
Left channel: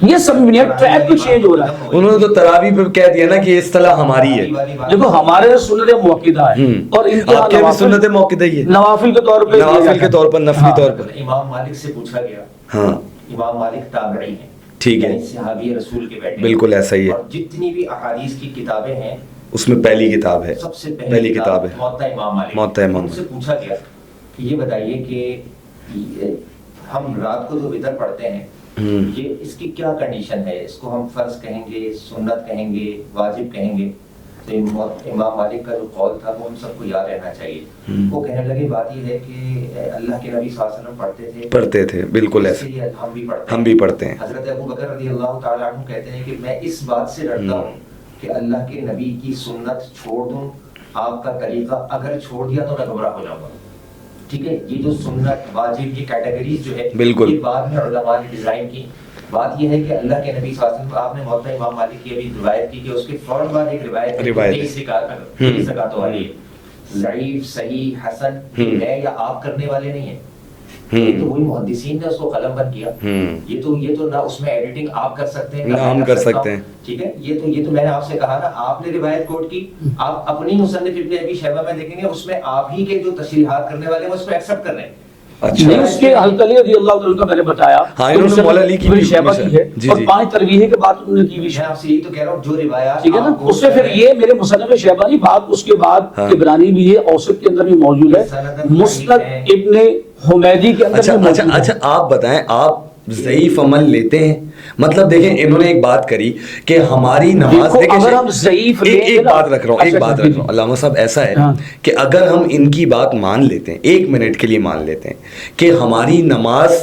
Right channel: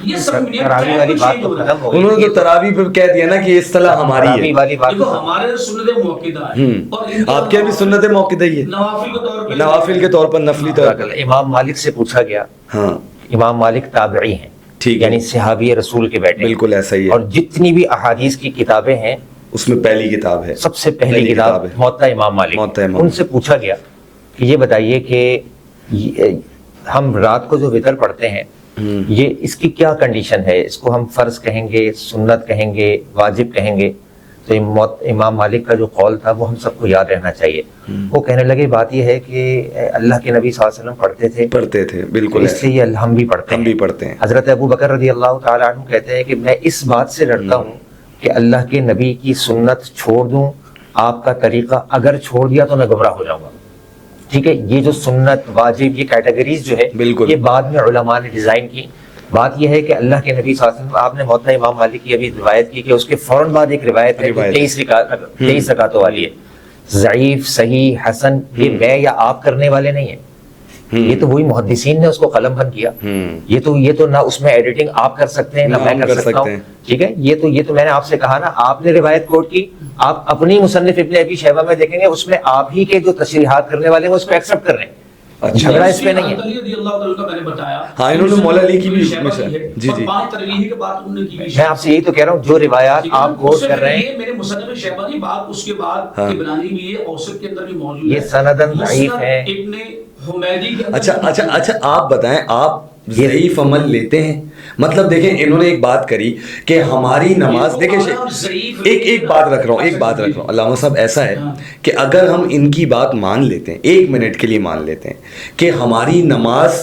یہ سب ٹریک بھی چینج ہو رہا ہے۔ انہوں نے تو تراویح پہ کہہ دیا نا کہ یہ اصطلاح ہماری ہے، دیکھو ہمارے سنت موقدہ ہے اور آپ کے بھی سنت موقدہ ہی ہے، نوافل کے طور پہ، نوافل کے طور پر، نفلی طور پر۔ امام مالک سے پوچھا گیا، امام مالک تابعی ہیں، ٹھیک ہے، یعنی صحابی رسول کے بیٹے، بالکل ایسا ہی ہے، اور جتنی بھی احادیث کی کتابیں ہیں اس میں پہلی کتاب ہے، سب سے پہلی کتاب موطا امام مالک۔ ان سے پوچھا گیا کہ یہ بتائیے کہ ہم رات کو جو وتر پڑھتے ہیں یہ اس کی کیا کنڈیشن ہے، اس کو ہم فرض کہیں گے، سنت کہیں گے، واجب کہیں گے؟ تو امام مالک کا جو قول تھا وہ ہم سب کو یاد رہنا چاہیے. وہ کہنے لگے بات یہ ہے کہ اللہ کے نبی صلی اللہ علیہ وسلم پڑھتے تھے بالکل ایسے ہی ہم بھی پڑھتے ہیں. حضرت ابو بکر رضی اللہ تعالیٰ عنہ کہتے ہیں کہ میں اس بات سے ڈرتا ہوں کہ اللہ کے نبی کی سنت چھوڑ دوں, آپ کا طریقہ اگر چھوڑ دیا تو میں گمراہ ہو جاؤں گا. ٹھیک ہے, یہ جو سنت واجب کی کیٹیگریز جو ہے یہ بعد میں علماء نے ڈیزائن کی. بات یہ ہے کہ اللہ کے نبی صلی اللہ علیہ وسلم, آپ نے موطا امام مالک کی ابھی روایت کی کہ اس کے فوراً بعد ایک روایت ہے 23 رکعتوں والی ہے. ضعیف, صحیح, حسن, یہ میں یا آپ کرنے والے نہیں ہیں, یہ تو وہی محدثین نے اس کو قلم بند کیا. یہ تو نہ اس میں ایڈیٹنگ آپ کر سکتے ہیں نہ میں کر سکتا ہوں. ٹھیک ہے, یہ تو میں نے آپ سے کہا نا, آپ نے روایت کوٹ کی, آپ اپنی مصنف ابن ابی شیبہ میں دیکھیں گے اس میں آپ ہی کے جو تشریحات کرنے والے ہیں اس کو ایکسپٹ کر رہے ہیں. اچھا, علی رضی اللہ عنہ کا میں نے بتایا, ہاں انہوں نے مولا علی کی بھی جی اور 5 ترغیبیں کے بعد انہوں نے کی بھی. میں آپ سے یہی تو کہہ رہا ہوں جو روایات آپ کوٹ کر رہے ہیں یہ میرے مصنف شیبانی بات, اس کے بعد طبرانی بھی ہے, اوسط کے اندر بھی موجود ہے, مسند ابن حمیدی کے اندر. اچھا آپ بتائیں, آپ ضعیف عمل لیتے ہیں؟ مطلب دیکھیں انہوں نے ایک بات کری کہ ہماری نماز, دیکھیں ایک بات رکھ رہا ہوں علامہ صاحب, ایسا ہے کہ اگر ہم ان کی بات مان لیتے ہیں, 1 منٹ کے لیے مان لیتے ہیں کہ ہماری نماز,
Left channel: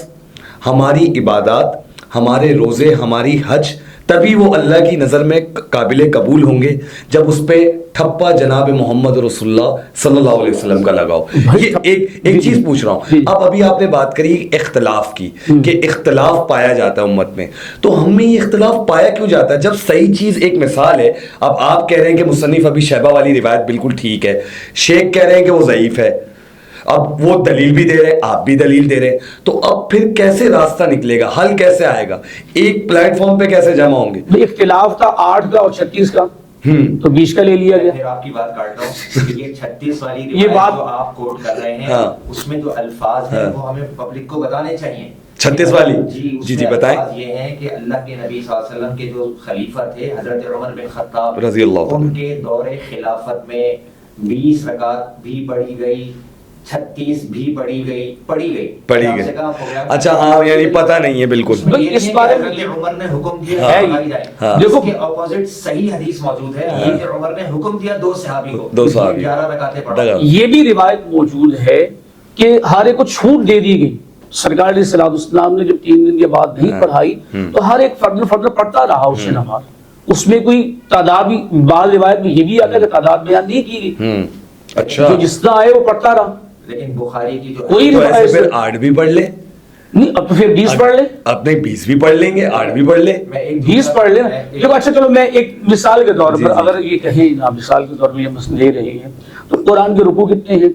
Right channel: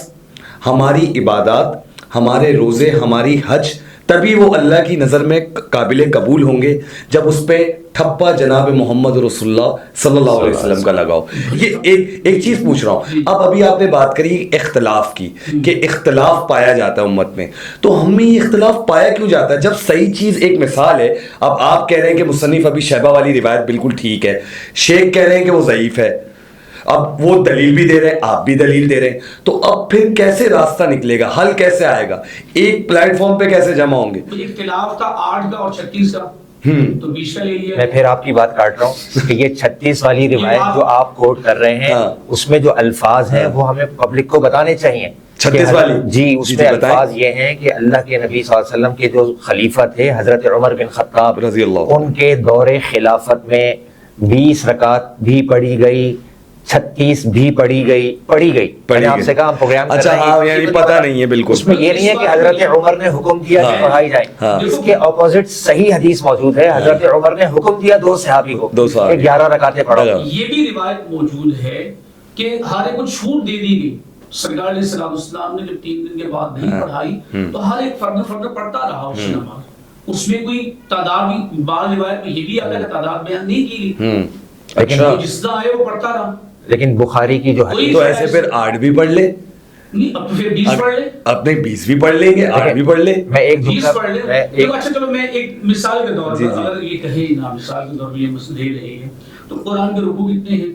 ہماری عبادات, ہمارے روزے, ہماری حج, تبھی وہ اللہ کی نظر میں قابل قبول ہوں گے جب اس پہ ٹھپا جناب محمد رسول اللہ صلی اللہ علیہ وسلم کا لگاؤ. یہ ایک چیز پوچھ رہا ہوں, اب ابھی آپ نے بات کری اختلاف کی کہ اختلاف پایا جاتا ہے امت میں, تو ہم میں یہ اختلاف پایا کیوں جاتا ہے جب صحیح چیز ایک مثال ہے. اب آپ کہہ رہے ہیں کہ مصنف ابی شیبہ والی روایت بالکل ٹھیک ہے, شیخ کہہ رہے ہیں کہ وہ ضعیف ہے, اب وہ دلیل بھی دے رہے ہیں, آپ بھی دلیل دے رہے ہیں, تو اب پھر کیسے راستہ نکلے گا, حل کیسے آئے گا, ایک پلیٹ فارم پہ کیسے جمع ہوں گے؟ اختلاف تھا 8 کا اور 36 کا, تو 20 کا لے لیا. میں پھر آپ کی بات کاٹ رہا ہوں کہ یہ 36 والی روایت جو آپ کوٹ کر رہے ہیں اس میں جو الفاظ ہیں وہ ہمیں پبلک کو بتانے چاہیے. 36 والی جی, اس میں الفاظ یہ ہیں کہ اللہ کے نبی صلی اللہ علیہ وسلم کے جو خلیفہ تھے حضرت عمر بن خطاب رضی اللہ عنہ, ان کے دور خلافت میں 20 رکعت بھی پڑھی گئی, 36 بھی پڑھی گئی. اچھا ہاں, یعنی پتہ نہیں ہے بالکل. اس میں یہ نہیں ہے کہ حضرت عمر نے حکم دیا کہ پڑھائی جائے. دیکھو کہ اپوزٹ صحیح حدیث موجود ہے, حضرت عمر نے حکم دیا 2 صحابی کو 11 رکعتیں پڑھو. یہ بھی روایت موجود ہے کہ ہر ایک کو چھوٹ دے دی گئی. سرکار علیہ السلام نے جب 3 دن کے بعد نہیں پڑھائی تو ہر ایک فرد پڑھتا رہا اس کی نماز. اس میں کوئی تعداد بھی, بعض روایت میں یہ بھی آتا ہے کہ تعداد بیان نہیں کی گئی. اچھا, جس طرح آئے وہ پڑھتا رہا. لیکن بخاری کی جو ہے تو ایسے پھر 8 بھی پڑھ لے, نہیں اب تو پھر 20 پڑھ لے, اپنے 20 بھی پڑھ لیں گے, 8 بھی پڑھ لے, میں ایک 20 پڑھ لیں. اچھا چلو میں ایک مثال کے طور پر اگر یہ کہیں نا, مثال کے طور پر یہ مسئلہ لے رہے ہیں تو قرآن کے رکوع کتنے ہیں؟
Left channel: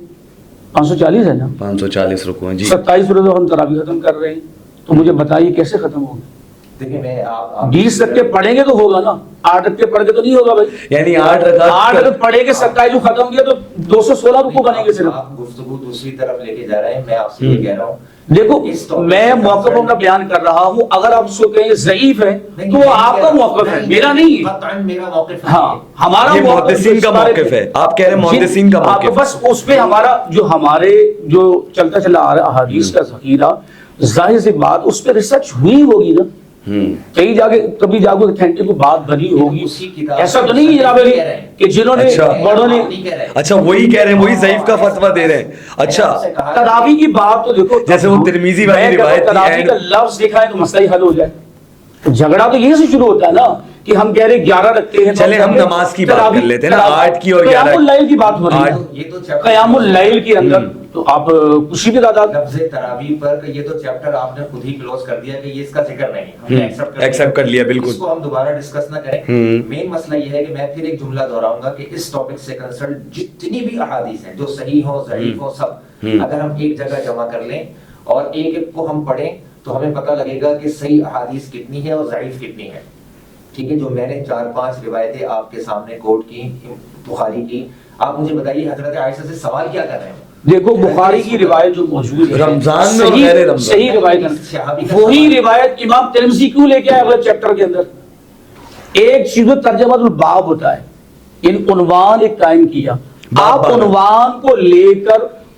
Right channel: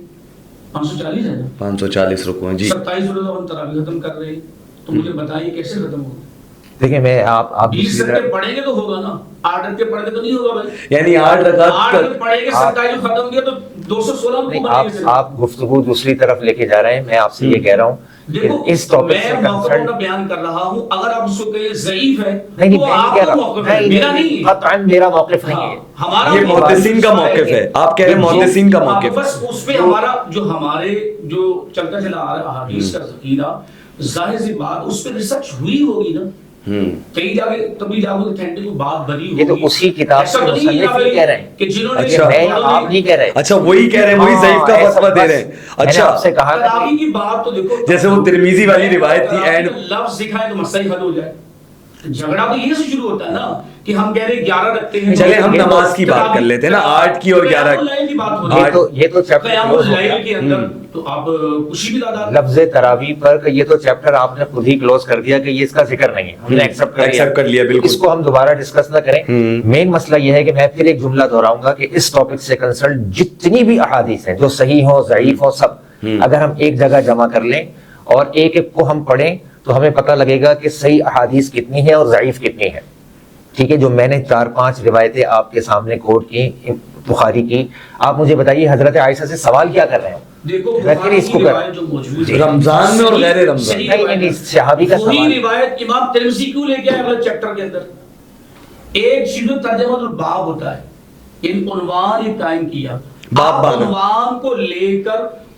540 ہے نا, 540 رکوع ہیں جی. 27 روزہ ہم تراویح ختم کر رہے ہیں, تو مجھے بتائیے کیسے ختم ہوگا؟ دیکھیں میں آپ 20 رکعتیں پڑھیں گے تو ہوگا نا, 8 رکعتیں پڑھ کے تو نہیں ہوگا بھائی. یعنی 8 رکعت پڑھے گے 27 ختم کیا تو 216 رکوع بنے گے. آپ گفتگو دوسری طرف لے کے جا رہے ہیں. میں آپ سے یہ کہہ رہا ہوں, دیکھو میں موقفوں کا بیان کر رہا ہوں. اگر آپ اس کو کہیں ضعیف ہے تو آپ کا موقف ہے, میرا نہیں ہے. میرا موقف ہے, ہمارا یہ محدثین کا موقف ہے. آپ کہہ رہے ہیں محدثین کا موقف, بس اس پہ ہمارا جو ہمارے جو چلتا چلا آ رہا احادیث کا ذخیرہ, ظاہر سی بات اس پہ ریسرچ ہوئی ہوگی نا, کہیں جا کے کبھی جا کے اتھینٹک بات بنی ہوگی. اسی کتاب ایسا تو نہیں ہے کہ جنہوں نے اچھا وہی کہہ رہے ہیں, وہی ضعیف کا فتویٰ دے رہے ہیں. اچھا تراویح کی بات تو دیکھو, جیسے وہ ترمذی والی روایت تھی, اینڈ لفظ دکھا ہے تو مسئلہ ہی حل ہو جائے. جھگڑا تو یہیں سے شروع ہوتا ہے نا کہ ہم کہہ رہے 11 رکھتے ہیں. چلے ہم نماز کی بات کر لیتے ہیں نا, 8 کی اور 11 قیام اللیل کی بات ہو رہی ہے. یہ تو قیام اللیل کے اندر تو آپ خوشی بھی دادا لفظ تراویح پر یہ تو چیپٹر آپ نے خود ہی کلوز کر دیا کہ یہ اس کا ذکر نہیں ہے, ہم نے ایکسپٹ کر لیا. بالکل, اس کو ہم دوبارہ ڈسکس نہ کریں. مین مسئلہ یہ ہے کہ میں پھر ایک جملہ دہراؤں گا کہ اس ٹاپک سے کنسرن جتنی بھی احادیث ہیں جو صحیح ہو ضعیف ہو سب اگر ہم ایک جگہ جمع کر لیں اور ایک ایک کو ہم پڑھیں تو ہمیں پتہ لگے گا کہ صحیح احادیث کتنی ہے اور ضعیف کتنی ہے. ٹھیک ہے, جو میں نے 4-5 روایتیں آپ کے سامنے کوٹ کی بخاری کی, آپ مجھے بتائیے حضرت عائشہ سے سوال کیا کر رہے ہیں. دیکھو بخاری کی روایت جو موجود ہے رمضان میں اور غیر رمضان, صحیح روایت صحابی کا وہی روایت امام ترمذی کیوں لے کے آئے اگلے چیپٹر کے اندر. ایک چیز ترجمہ الباب ہوتا ہے, ان عنوان ایک قائم کیا, آپ عنوان کو لے کر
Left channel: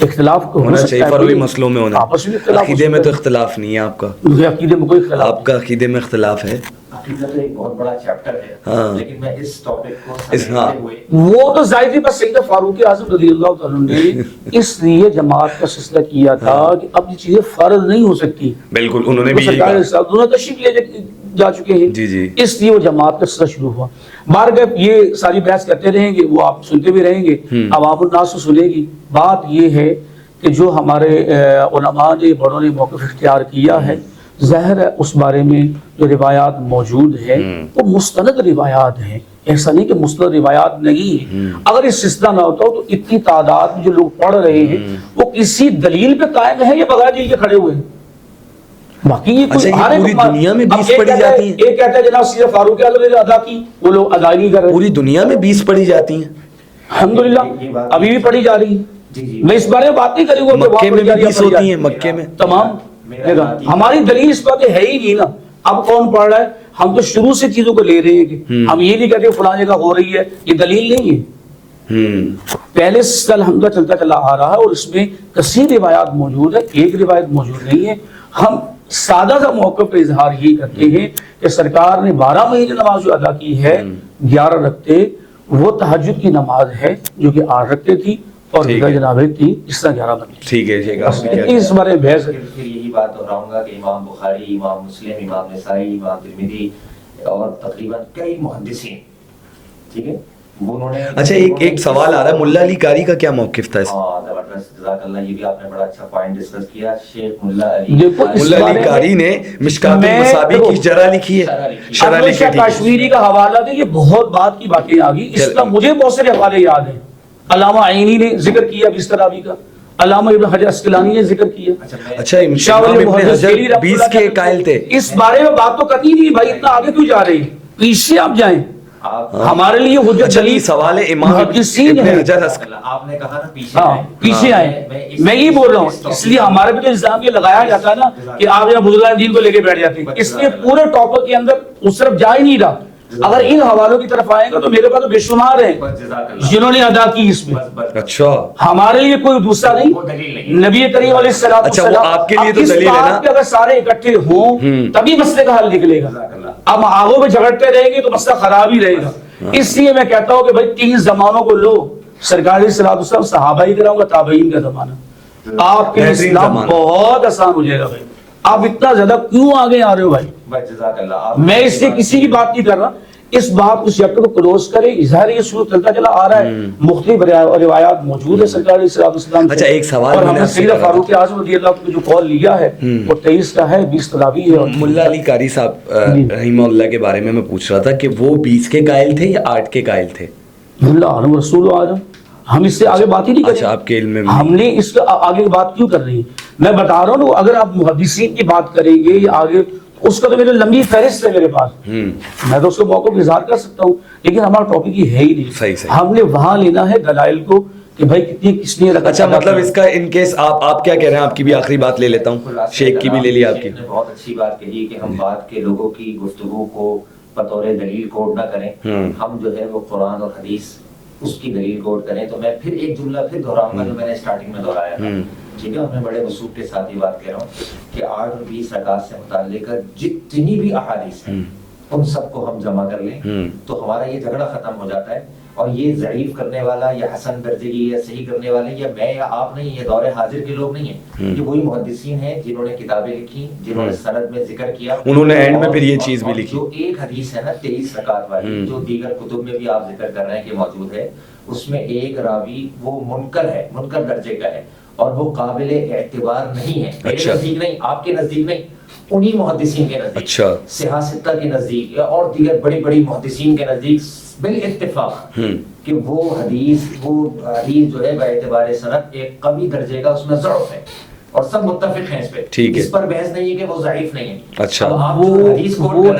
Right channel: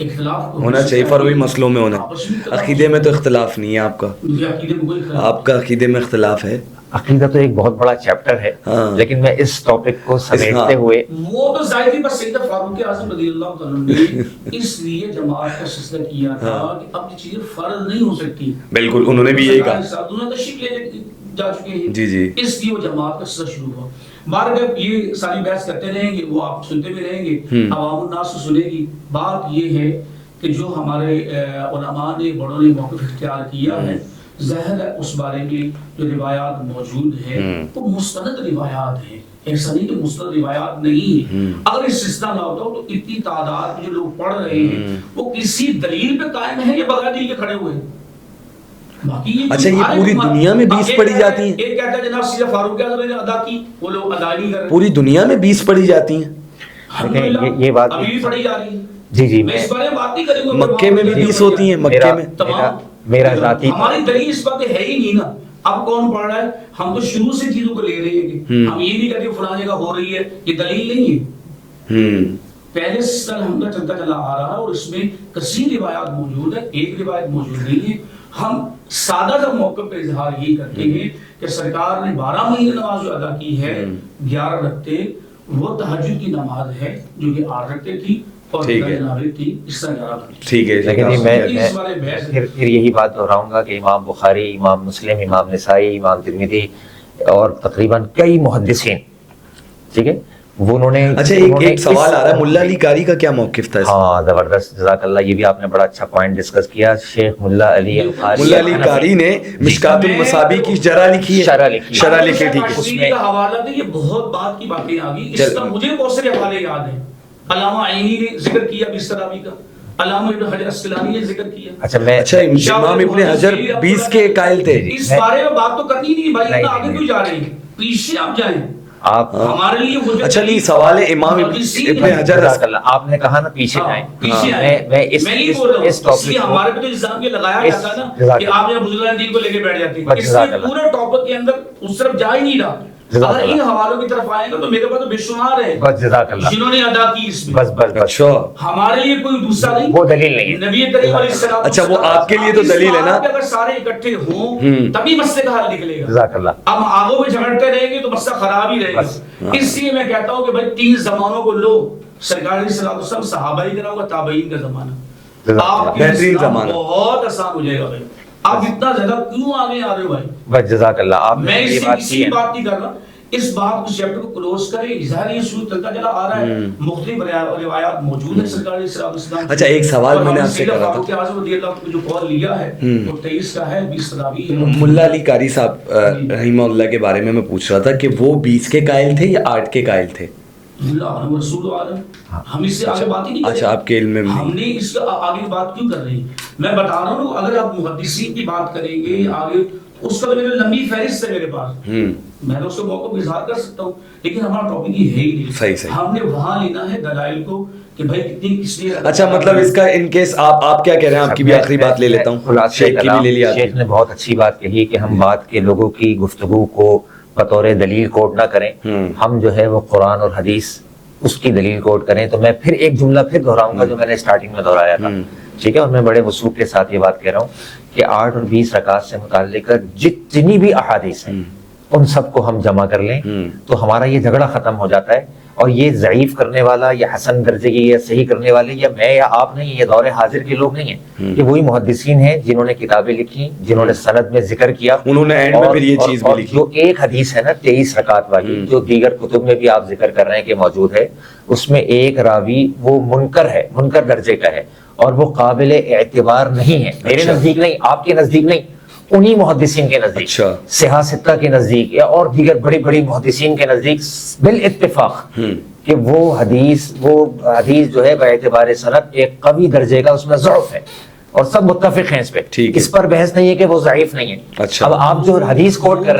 اختلاف ہونا چاہیے فروعی مسئلوں میں ہونا. آپس میں اختلاف عقیدے میں تو اختلاف نہیں ہے آپ کا. مجھے عقیدے میں کوئی اختلاف آپ کا عقیدے میں اختلاف ہے. عقیدہ تو ایک بہت بڑا چیپٹر ہے, لیکن میں اس ٹاپک کو سمیٹتے ہوئے وہ تو ظاہر ہے بس سیدنا فاروق اعظم رضی اللہ تعالیٰ نے اس لیے جماعت کا سلسلہ کیا تھا کہ اب یہ چیزیں فرض نہیں ہو سکتی. بالکل انہوں نے بھی یہی کہا. انہوں نے تشریف لے جا چکے ہیں. جی جی. اس لیے وہ جماعت کا سلسلہ شروع ہوا. بارگاہ یہ ساری بحث کرتے رہیں گے, وہ آپ سنتے بھی رہیں گے, عوام الناس کو سنے گی. بات یہ ہے کہ جو ہمارے علماء نے بڑوں نے موقف اختیار کیا ہے, ظاہر ہے اس بارے میں جو روایات موجود ہیں وہ مستند روایات ہیں. ایسا نہیں کہ مستند روایات نہیں ہیں. اگر اس سلسلہ نہ ہوتا تو اتنی تعداد میں جو لوگ پڑھ رہے ہیں وہ کسی دلیل پہ قائم ہے یا بغیر دلیل کے کھڑے ہوئے ہیں. باقی اچھا یہ پوری دنیا میں 20 پڑھی جاتی ہیں. ایک کہتا ہے جناب سیدنا فاروق اعظم نے ادا کی, وہ لوگ ادا نہیں کر رہے. پوری دنیا میں 20 پڑھی جاتی ہیں. الحمدللہ ابھی بھی پڑھی جا رہی ہے. جی جی میں اس بارے میں بات نہیں کروں گا. مکے میں بھی 20 ہوتی ہیں. مکے میں تمام ہماری دلیل اس بات ہے ہی نہیں نا. اب کون پڑھ رہا ہے؟ ہم تو شروع سے چیزوں کو لے رہے ہیں کہ ہم یہ نہیں کہتے فلاں جگہ ہو رہی ہے, یہ دلیل نہیں ہے. پہلے سے الحمدللہ چلتا چلا آ رہا ہے اور اس میں کثیر روایات موجود ہے, ایک روایت موجود نہیں ہے. ہم سادہ سا موقف پہ اظہار یہی کرتے ہیں کہ سرکار نے 12 مہینے نماز جو ادا کی ہے 11 رکھتے, وہ تہجد کی نماز ہے جو کہ 8 رکھتے تھی اور جناب تھی اس طرح 11 رکھتے. ٹھیک ہے. اس بارے میں پھر یہی بات دہراؤں گا کہ امام بخاری, امام مسلم, امام نسائی, امام ترمذی اور تقریباً کئی محدثین, ٹھیک ہے, وہ انہوں نے. اچھا ایک سوال آ رہا ہے, ملا علی قاری کا کیا موقف تھا؟ ہاں زبردست, جزاک اللہ, یہ بھی آپ نے بڑا اچھا پوائنٹ ڈسکس کیا. شیخ ملا علی قاری نے مشکات المصابیح کی شرح لکھی ہے. شرح لکھی ہے. کشمیری کا حوالہ دے, یہ بہت بات کی باتیں آ گئی. اس کا مجھے بہت سارے حوالے یاد ہیں. علامہ عینی نے ذکر کیا بستراوی کا, علامہ ابن حجر اسقلانی نے ذکر کیا. اچھا امام ابن حجر 20 کے قائل تھے. اس بارے میں بات تو کرنی نہیں بھائی, اتنا آگے کیوں جا رہے ہیں؟ پیچھے آپ جائیں. ہمارے لیے حجت. اچھا یہ سوال ہے امام ابن حجر, آپ نے کہا نا پیچھے آئیں. پیچھے آئیں, میں یہ بول رہا ہوں. اس لیے ہمارے پہ تو الزام یہ لگایا جاتا ہے نا کہ آپ یہاں بزرگان دین کو لے کے بیٹھ جاتے ہیں. اس لیے پورے ٹاپک کے اندر اس طرف جا ہی نہیں رہا. اگر ان حوالوں کی طرف آئیں گا تو میرے پاس تو بے شمار ہیں جنہوں نے ادا کی اس میں. اچھا ہمارے لیے کوئی دوسرا نہیں, وہ دلیل نہیں. نبی کریم علیہ السلام. اچھا وہ آپ کے لیے تو دلیل ہے نا, اگر سارے اکٹھے ہوں تبھی مسئلے کا حل نکلے گا. اب آگوں میں جھگڑتے رہیں گے تو مسئلہ خراب ہی رہے گا. اس لیے میں کہتا ہوں کہ بھائی 3 زمانوں کو لو, سرکار علیہ السلام, صحابہ ہی کراؤں گا, تابعین کا زمانہ, آپ کے اسلام بہت آسان ہو جائے گا. بھائی آپ اتنا زیادہ کیوں آگے آ رہے ہو بھائی؟ بس جزاک اللہ. میں اس سے کسی کی بات نہیں کر رہا, اس بات کو چیپٹر کو کلوز کریں. ظاہر یہ شروع چلتا چلا آ رہا ہے, مختلف روایات موجود ہے سرکار علیہ السلام. اچھا ایک سوال میں نے آپ سے کرا تھا, فاروق اعظم رضی اللہ عنہ جو قول لیا ہے وہ 23 کا ہے, 20 تراویح ہے. ملا علی قاری صاحب رحمہ اللہ کے بارے میں پوچھ رہا تھا کہ وہ 20 کے قائل تھے یا 8 کے قائل تھے؟ ملا عالم رسول اعظم, ہم اس سے آگے بات ہی نہیں کریں. اچھا آپ کے علم میں ہم نے اس کا آگے بات کیوں کر رہی ہے؟ میں بتا رہا ہوں, اگر آپ محدثین کی بات کریں گے یا آگے, اس کا تو میرے لمبی فہرست ہے میرے پاس, میں تو اس کو موقع پر اظہار کر سکتا ہوں, لیکن ہمارا ٹاپک یہ ہے ہی نہیں. صحیح. ہم نے وہاں لینا ہے دلائل کو کہ بھائی کتنی کس نے. اچھا مطلب اس کا ان کیس آپ کیا کہہ رہے ہیں, آپ کی بھی آخری بات لے لیتا ہوں, شیخ کی بھی لے لی آپ کی. شیخ نے بہت اچھی بات کہی کہ ہم بات کے لوگوں کی گفتگو کو بطور دلیل کوٹ نہ کریں, ہم جو ہے وہ قرآن اور حدیث اس کی دلیل کوٹ کریں. تو میں پھر ایک جملہ پھر دہراؤں گا جو میں نے اسٹارٹنگ میں دہرایا تھا, ٹھیک ہے, اور میں بڑے وثوق کے ساتھ یہ بات کہہ رہا ہوں کہ 8 اور 20 رکعات سے متعلق جتنی بھی احادیث ہیں ان سب کو ہم جمع کر لیں تو ہمارا یہ جھگڑا ختم ہو جاتا ہے. اور یہ ضعیف کرنے والا یا حسن درجے کی یا صحیح کرنے والے یا میں یا آپ نہیں, یہ دور حاضر کے لوگ نہیں ہیں, یہ وہی محدثین ہیں جنہوں نے کتابیں لکھی, جنہوں نے سند میں ذکر کیا, انہوں نے اینڈ میں پھر یہ چیز بھی لکھی. جو ایک حدیث ہے نا 23 رکعات والی, جو دیگر کتب میں بھی آپ ذکر کر رہے ہیں کہ موجود ہے, اس میں ایک راوی وہ منکر ہے, منکر درجے کا ہے, اور وہ قابل اعتبار نہیں ہے. میرے نزدیک نہیں, آپ کے نزدیک نہیں, انہی محدثین کے نزدیک, صحاح ستہ کے نزدیک اور دیگر بڑی بڑی محدثین کے نزدیک بالاتفاق کہ وہ حدیث جو ہے باعتبار سند ایک قوی درجے کا, اس میں ضعف ہے, اور سب متفق ہیں اس پہ. اس پر بحث نہیں ہے کہ وہ ضعیف نہیں ہے. اب آپ جو حدیث کوٹ کر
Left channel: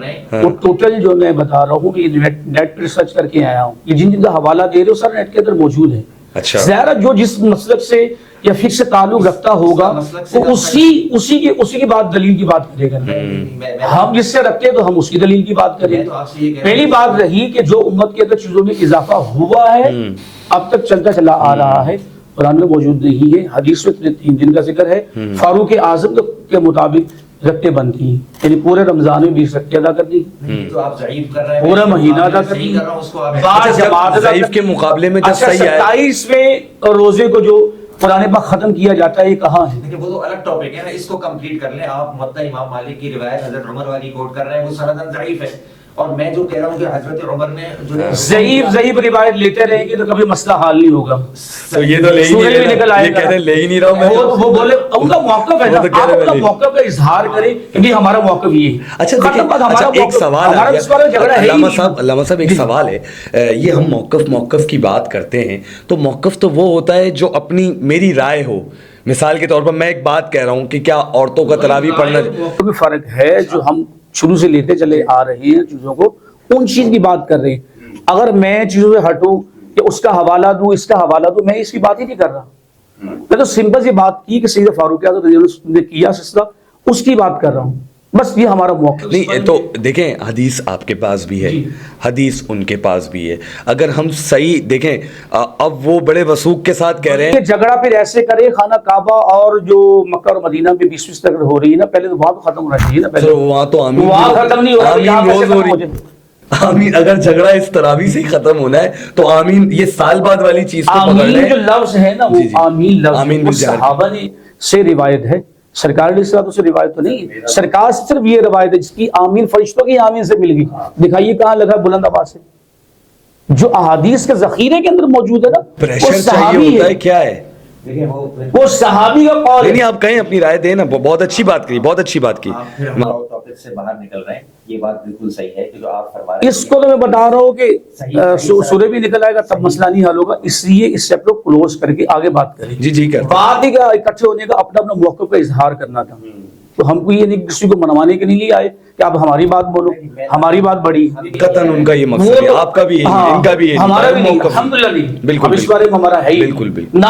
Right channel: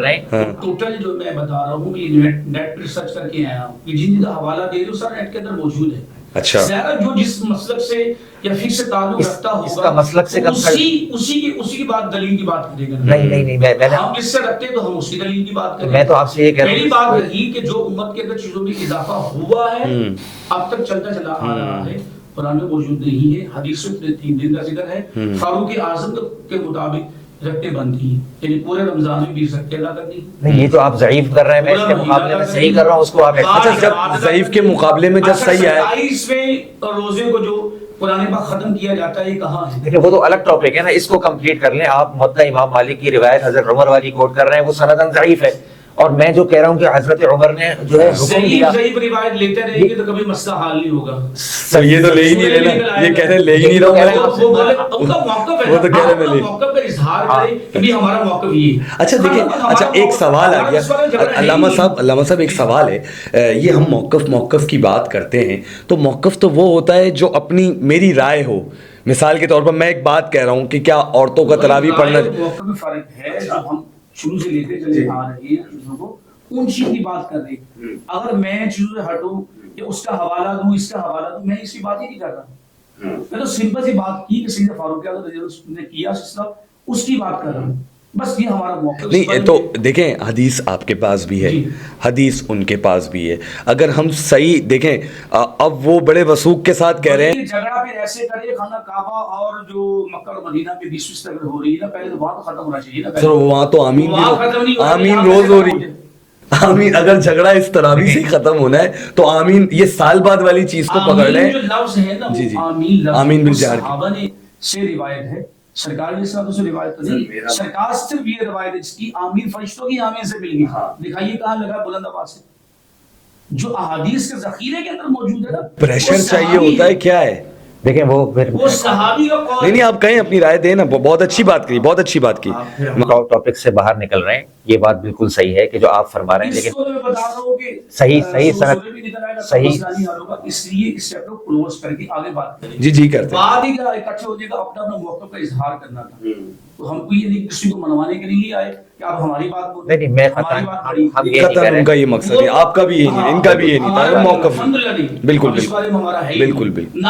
رہے ہیں, وہ ٹوٹل جو میں بتا رہا ہوں کہ نیٹ پر ریسرچ کر کے آیا ہوں, یہ جن کا حوالہ دے رہے ہو سر نیٹ کے اندر موجود ہے. اچھا زیادہ جو جس مسلک سے یا فقہ سے تعلق رکھتا ہوگا مسلک سے اسی کی بات دلیل کی بات کرے گا. نہیں ہم جس سے رکھتے ہیں تو ہم اس کی دلیل کی بات کریں. میں تو آپ سے یہ کہہ رہا ہوں پہلی بات رہی کہ جو امت کے اندر چیزوں میں اضافہ ہوا ہے اب تک چلتا چلا آ رہا ہے، قرآن میں موجود نہیں ہے، حدیث میں 3 دن کا ذکر ہے. فاروق اعظم کے مطابق رکھتے بنتی ہیں، یعنی پورے رمضان میں 20 رکھتے ادا کرنی. نہیں، یہ تو آپ ضعیف کر رہے ہیں، پورا مہینہ ادا صحیح کر رہا ہوں اس کو آپ. اچھا جب ضعیف کے مقابلے میں جب صحیح آئے 27ویں روزے کو جو قرآن پاک ختم کیا جاتا ہے یہ کہاں ہے؟ دیکھیں وہ تو الگ ٹاپک ہے نا، اس کو کمپلیٹ کر لیں. آپ موطا امام مالک کی روایت حضرت عمر والی کوٹ کر رہے ہیں، وہ سندن ضعیف ہے. اور میں جو کہہ رہا ہوں کہ حضرت عمر نے جو ہے ضعیف روایت لیتے رہیں گے تو کبھی مسئلہ حل نہیں ہوگا. تو یہ تو لے ہی نہیں لینا، یہ کہہ رہے لے ہی نہیں رہا ہوں میں. وہ بولے ان کا موقف ہے، وہ تو کہہ رہے آپ اپنا موقف کا اظہار کریں کہ ہمارا موقف یہ ہے. اچھا دیکھیں، اچھا ایک سوال آ گیا علامہ صاحب ایک سوال ہے. یہ ہم موقف کی بات کرتے ہیں تو موقف تو وہ ہوتا ہے جو اپنی میری رائے ہو. مثال کے طور پر میں ایک بات کہہ رہا ہوں کہ کیا عورتوں کا تراویح پڑھنا، موقف میں فرق ہے جو ہم شروع سے لیتے چلے آ رہے ہیں چیزوں کو، ان چیز کی بات کر رہے ہیں. اگر میں چیزوں سے ہٹوں کہ اس کا حوالہ دوں اس کا حوالہ دوں، میں اس کی بات ہی نہیں کر رہا. میں تو سمپل سی بات کی کہ سید فاروق اعظم رضی اللہ عنہ نے کیا سلسلہ، اس کی بات کر رہا ہوں. بس یہ ہمارا موقف نہیں تو دیکھیں حدیث آپ کے پاس بھی ہے، حدیث ان کے پاس بھی ہے. اگر ہم صحیح دیکھیں اب وہ بڑے وثوق کے ساتھ کہہ رہے ہیں جھگڑا پھر ایسے کرے خانہ کعبہ اور جو مکہ اور مدینہ میں 20 تک ہو رہی ہے نا، پہلے تو وہاں تو ختم ہونا چاہیے نا. سر وہاں تو آمین روز ہو رہی ہے. آمین اگر جھگڑا اس تراویح سے ختم ہونا ہے تو آمین یہ سال بعد والی چیز کو پکڑ لیں. جو لفظ ہے نا وہ آمین لفظ آمین صحابہ نے سے روایت ہے، سرکار علیہ الصلوۃ والسلام سے روایت تو نہیں. سرکار صرف یہ روایت ہے جس کی آمین فرشتوں کی آمین سے مل گئی. دکھائیے کہاں لگا بلند آواز سے، جو احادیث کے ذخیرے کے اندر موجود ہے نا. پریشر چاہیے ہوتا ہے کیا ہے. دیکھیں وہ صحابی کا قول. نہیں آپ کہیں اپنی رائے دیں نا، بہت اچھی بات کی، بہت اچھی بات کی. ٹاپک سے باہر نکل رہے ہیں، یہ بات بالکل صحیح ہے کہ جو آپ فرما رہے ہیں، اس کو میں بتا رہا ہوں کہ سورہ بھی نکل آئے گا تب مسئلہ نہیں حل ہوگا. اس لیے اس چیپٹر کو کلوز کر کے آگے بات کریں. جی کرتے بات ہی کا اکٹھے ہونے کا اپنا موقف کا اظہار کرنا تھا. تو ہم کو یہ نہیں کسی کو منوانے کے لیے آئے کہ آپ ہماری بات بولو، ہماری بات بڑی. قطعاً ان کا یہ مقصد ہے، آپ کا بھی یہی ہے، ان کا بھی یہی ہے. موقف بالکل بالکل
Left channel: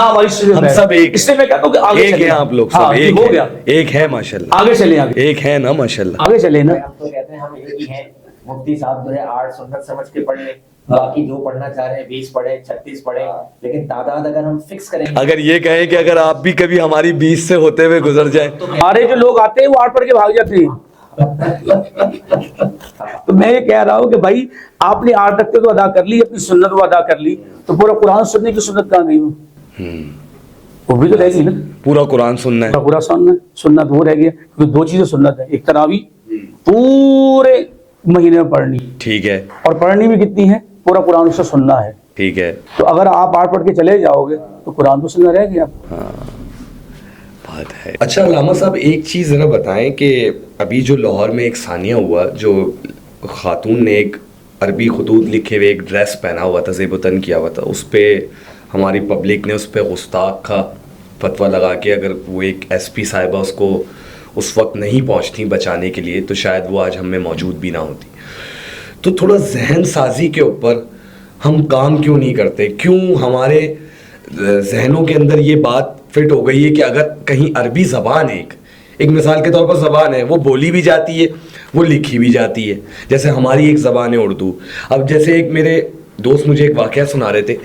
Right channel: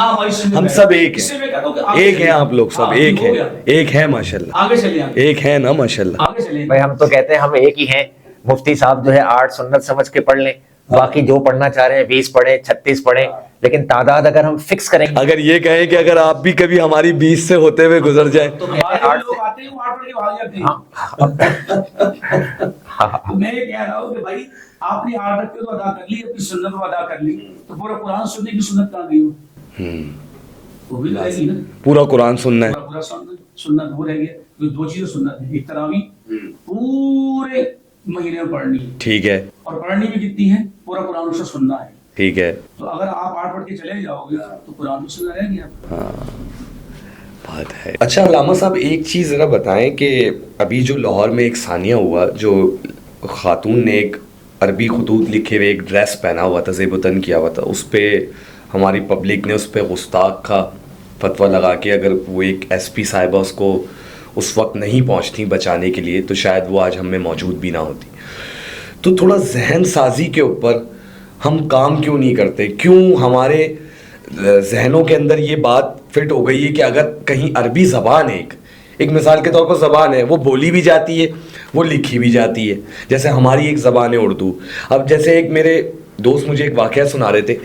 ہم سب ایک ہیں، آپ لوگ سب ایک ہیں ماشاءاللہ. آگے چلیں، ایک ہے نا ماشاءاللہ. آگے چلیں. ہم تو کہتے ہیں ہم ایک ہی ہیں. مفتی صاحب جو ہے 8 سنت سمجھ کے پڑھ لیں، باقی جو پڑھنا چاہ رہے ہیں 20 پڑھیں 36 پڑھیں، لیکن تعداد اگر ہم فکس کریں گے، اگر یہ کہیں کہ اگر آپ بھی کبھی ہماری 20 سے ہوتے ہوئے گزر جائیں تو ہمارے جو لوگ آتے ہیں وہ 8 پڑھ کے بھاگ جاتے ہیں. میں یہ کہہ رہا ہوں کہ بھائی آپ نے 8 تک تو ادا کر لی، اپنی سنت وہ ادا کر لی، تو پورا قرآن سننے کی سنت کہاں گئی؟ وہ بھی تو رہ گئی نا. پورا قرآن سننا ہے، پورا سنت وہ رہ گیا. کیونکہ 2 چیزیں سنت ہے، ایک تراویح پورے مہینے میں پڑھنی، ٹھیک ہے، اور پڑھنی بھی کتنی ہے؟ پورا قرآن سے سننا ہے، ٹھیک ہے. تو اگر آپ 8 پڑھ کے چلے جاؤ گے تو قرآن تو سننا رہ گیا. بات ہے. اچھا علامہ صاحب ایک چیز ذرا بتائیں کہ ابھی جو لاہور میں ایک ثانیہ ہوا، جو خاتون نے ایک عربی خطوط لکھے ہوئے ایک ڈریس پہنا ہوا تھا، زیب و تن کیا ہوا تھا، اس پہ ہماری پبلک نے اس پہ گستاخ کا فتویٰ لگا کے اگر وہ ایک ایس پی صاحبہ اس کو اس وقت نہیں پہنچتی بچانے کے لیے تو شاید وہ آج ہم میں موجود بھی نہ ہوتی. تو تھوڑا ذہن سازی کے اوپر ہم کام کیوں نہیں کرتے؟ کیوں ہمارے ذہنوں کے اندر یہ بات فٹ ہو گئی ہے کہ اگر کہیں عربی زبان ایک مثال کے طور پر زبان ہے، وہ بولی بھی جاتی ہے، وہ لکھی بھی جاتی ہے، جیسے ہماری ایک زبان ہے اردو. اب جیسے ایک میرے دوست مجھے ایک واقعہ سنا رہے تھے،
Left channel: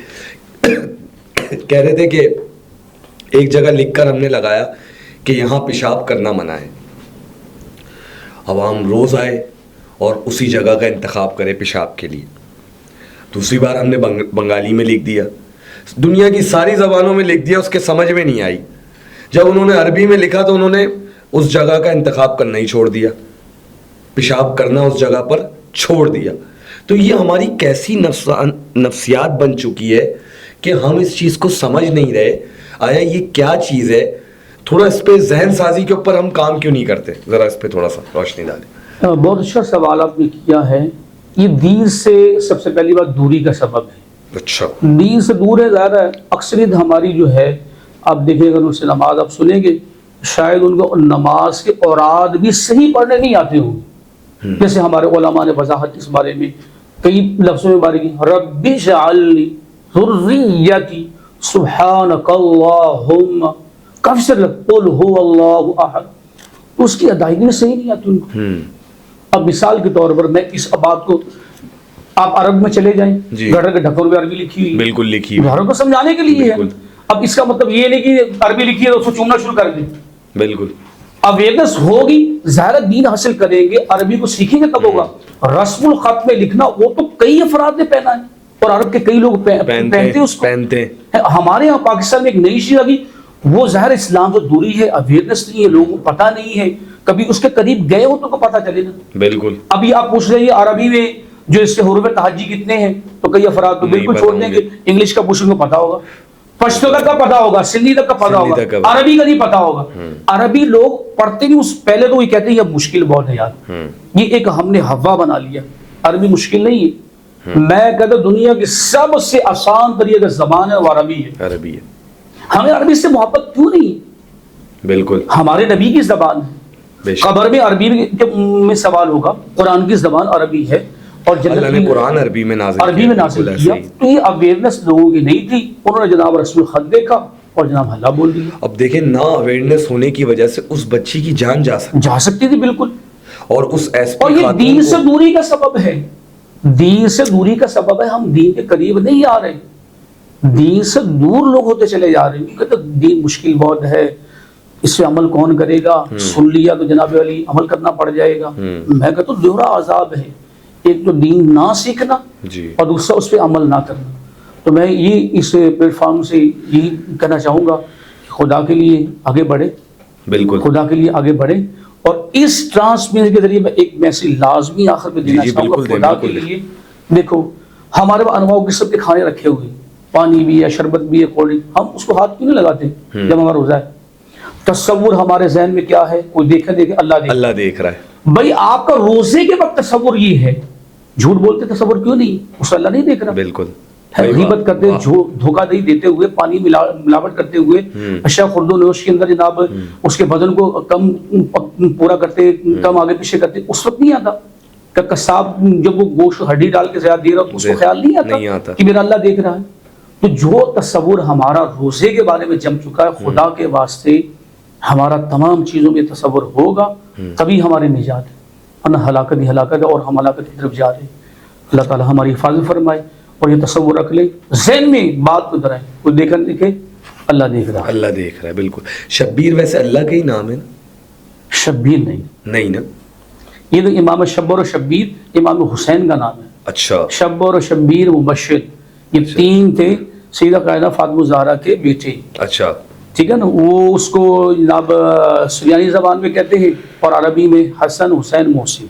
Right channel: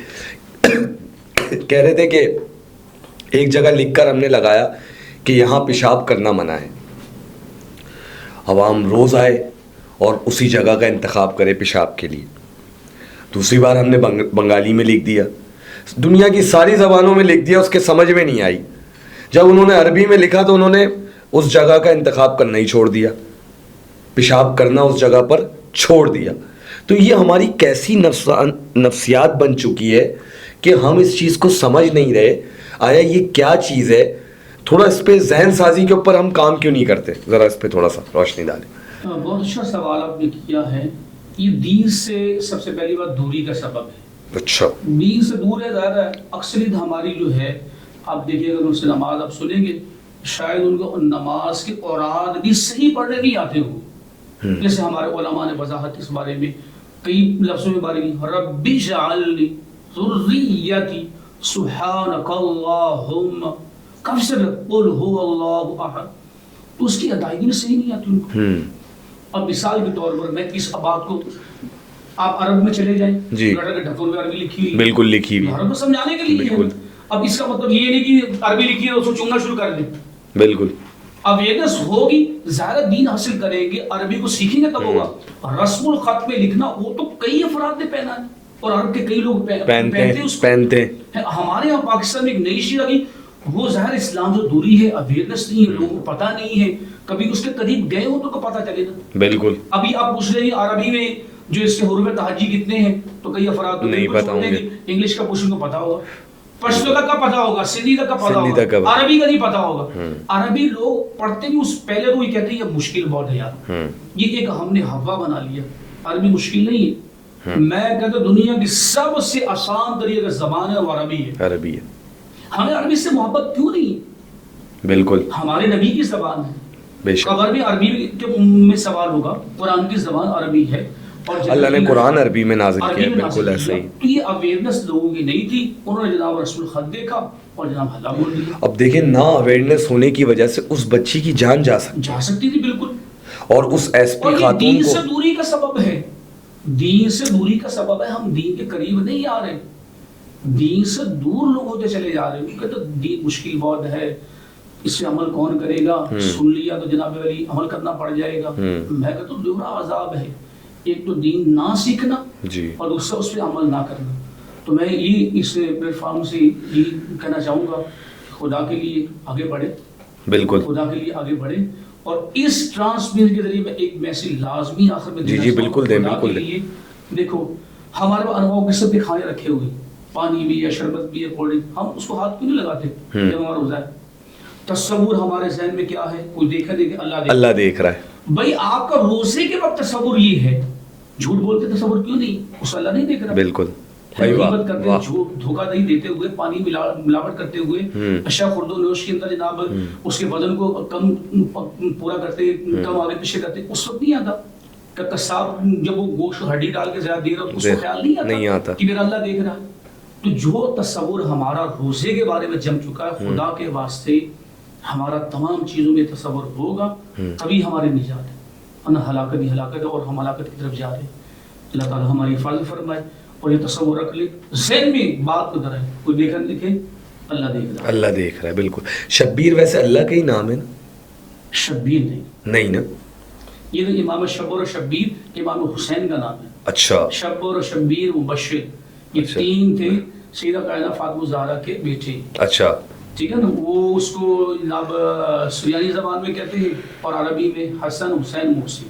کہہ رہے تھے کہ ایک جگہ لکھ کر ہم نے لگایا کہ یہاں پیشاب کرنا منع ہے. عوام روز آئے اور اسی جگہ کا انتخاب کرے پیشاب کے لیے. دوسری بار ہم نے بنگالی میں لکھ دیا، دنیا کی ساری زبانوں میں لکھ دیا، اس کے سمجھ میں نہیں آئی. جب انہوں نے عربی میں لکھا تو انہوں نے اس جگہ کا انتخاب کرنا ہی چھوڑ دیا، پیشاب کرنا اس جگہ پر چھوڑ دیا. تو یہ ہماری کیسی نفسیات بن چکی ہے کہ ہم اس چیز کو سمجھ نہیں رہے. آیا یہ کیا چیز ہے؟ تھوڑا اس پہ ذہن سازی کے اوپر ہم کام کیوں نہیں کرتے؟ ذرا اس پہ تھوڑا سا روشنی ڈالیں. بہت اچھا سوال آپ نے کیا ہے. یہ دین سے سب سے پہلی بات دوری کا سبب ہے. اچھا دین سے دور ہے زیادہ. اکثریت ہماری جو ہے، آپ دیکھیں اگر ان سے نماز آپ سنیں گے، شاید ان کو نماز کے اوراد بھی صحیح پڑھنے نہیں آتے ہوں. جیسے ہمارے علماء نے وضاحت اس بارے میں کئی لفظوں میں باری کی، رب اجعل لی ذریتی سبحانک اللہم، کافی سر قل هو اللہ احد، تو اس کی ادائیگی میں صحیح نہیں آتی ان کو۔ اب مثال کے طور پر میں اس بات کو، آپ عرب میں چلے جائیں، جی، گھر کے ڈھکن میں عربی لکھی ہوئی، بالکل لکھی ہوئی، گھروں کو سمجھانے کے لیے ہے۔ بالکل۔ اب اس کا مطلب یہ نہیں کہ عربی لکھی ہے تو اس کو چوننا شروع کر دیں، بالکل اویئرنس ہوگی، ظاہر دین حاصل کریں گے، عربی کو سیکھیں گے تب ہوگا۔ رسم الخط میں لکھنا وہ تو کئی افراد نے پہنا ہے، اور عرب کے کئی لوگ پہنتے ہیں اس کو۔ پہنتے ہیں۔ ہمارے یہاں پاکستان میں ایک نئی چیز آگئی، وہ ظاہر اسلام سے دوری ہے، اویئرنس نہیں ہے، لوگوں کو پتہ نہیں ہے، کبھی اس کے قریب گئے ہو تو پتہ چلے گا۔ بالکل۔ ابھی آپ پوچھ رہے ہیں عربی میں جو اس کے حروف تہجی کتنے ہیں، تو کئی افراد تو بالکل چھوڑ دیں گے، انگلش کا پوچھنے کو پتہ ہوگا، پشتو کا پتہ ہوگا، سندھی تک کا پتہ ہوگا، عربی کا نہیں پتہ ہوگا۔ عربی لوگ پڑھتے بھی اس پہلے تو یہ کہتے ہیں یہ مشکل بہت ہے یار، یہ ایک ہم نے ہوا بنا لیا، عربی مشکل نہیں ہے۔ میں کہتا ہوں دنیا کی سب سے آسان طریقہ زبان ہے وہ عربی ہے۔ عربی ہے۔ ہمیں عربی سے محبت کیوں نہیں؟ بالکل، ہمارے نبی کی زبان ہے، بے شک۔ قبر میں عربی میں سوال ہوگا، قرآن کی زبان عربی ہے، اور اللہ نے قرآن عربی میں نازل عربی کیا، میں نازل بالکل کیا۔ ایسے ہی۔ تو یہ اویئرنس لوگوں کی نہیں تھی، انہوں نے جناب رسم الخط دیکھا اور جناب حلا بول دیا۔ اب دیکھیں نا اویئرنیس ہونے کی وجہ سے اس بچی کی جان جا سکتی تھی بالکل، اور اس ایس اور پی یہ خاتون دین سے کو، دوری کا سبب ہے، دین سے دوری کا سبب ہے، ہم دین کے قریب نہیں آ رہے، دین سے دور لوگ ہوتے چلے جا رہے ہیں، کہتے دین مشکل بہت ہے، اس سے عمل کون کرے گا، سن لیا تو جناب علی عمل کرنا پڑ جائے گا۔ میں کہتا ہوں دوہرا عذاب ہے، ایک تو دین نہ سیکھنا اور دوسرا اس پہ عمل نہ کرنا۔ تو میں یہ اس پلیٹ فارم سے یہی کہنا چاہوں گا کہ خدا کے لیے آگے بڑھے، بالکل خدا کے لیے آگے بڑھے، اور اس ٹرانسمیشن کے ذریعے میں ایک میسیج لازمی آخر میں دینا چاہوں گا خدا کے لیے۔ دیکھو ہمارے پاس انواع قسم کے کھانے رکھے ہوئے، پانی بھی ہے، شربت بھی ہے، کولڈ ڈرنک، ہم اس کو ہاتھ کیوں نہیں لگاتے جب ہمارا روزہ ہے؟ تصور ہمارے ذہن میں کیا ہے؟ کوئی دیکھے اللہ دیکھ رہا ہے۔ بھائی آپ کا روزے کے وقت تصور یہ ہے، جھوٹ بولتے تصور کیوں نہیں؟ اس اللہ نہیں دیکھ رہا؟ بالکل، غیبت کرتے، دھوکہ دہی دیتے ہوئے، پانی ملاوٹ کرتے ہوئے، اشیاء خورد و نوش کے اندر جناب اس کے بدن کو کم پورا کرتے، کم آگے پیچھے کرتے، اس وقت نہیں آتا کہ قصاب جب وہ گوشت ہڈی ڈال کے زیادہ دے رہا تو اس کو خیال نہیں آتا کہ میرا اللہ دیکھ رہا ہے؟ تو جو تصور ہمارا روزے کے بارے میں جم چکا ہے، خدا کے واسطے ہمارا تمام چیزوں میں تصور ہوگا تبھی ہماری نجات ہے، ورنہ ہلاکت ہی ہلاکت ہے، اور ہم ہلاکت کی طرف جا رہے ہیں۔ اللہ تعالی ہماری حفاظت فرمائے، اور یہ تصور رکھ لیں ذہن میں، بات کو درائیں، کوئی دیکھا دیکھے اللہ دیکھ رہا ہے، اللہ دیکھ رہا ہے۔ بالکل۔ شبیر ویسے اللہ کا ہی نام ہے نا؟ شبیر نہیں نا، یہ تو امام شبر و شبیر امام حسین کا نام ہے۔ اچھا، شبر و شبیر مبشر، یہ تین تھے سیدہ قائدہ فاطمہ زہرا کے بیٹے، اچھا، ٹھیک ہے نا؟ وہ اس کو جناب سریانی زبان میں کہتے ہیں، اور عربی میں حسن حسین محسن،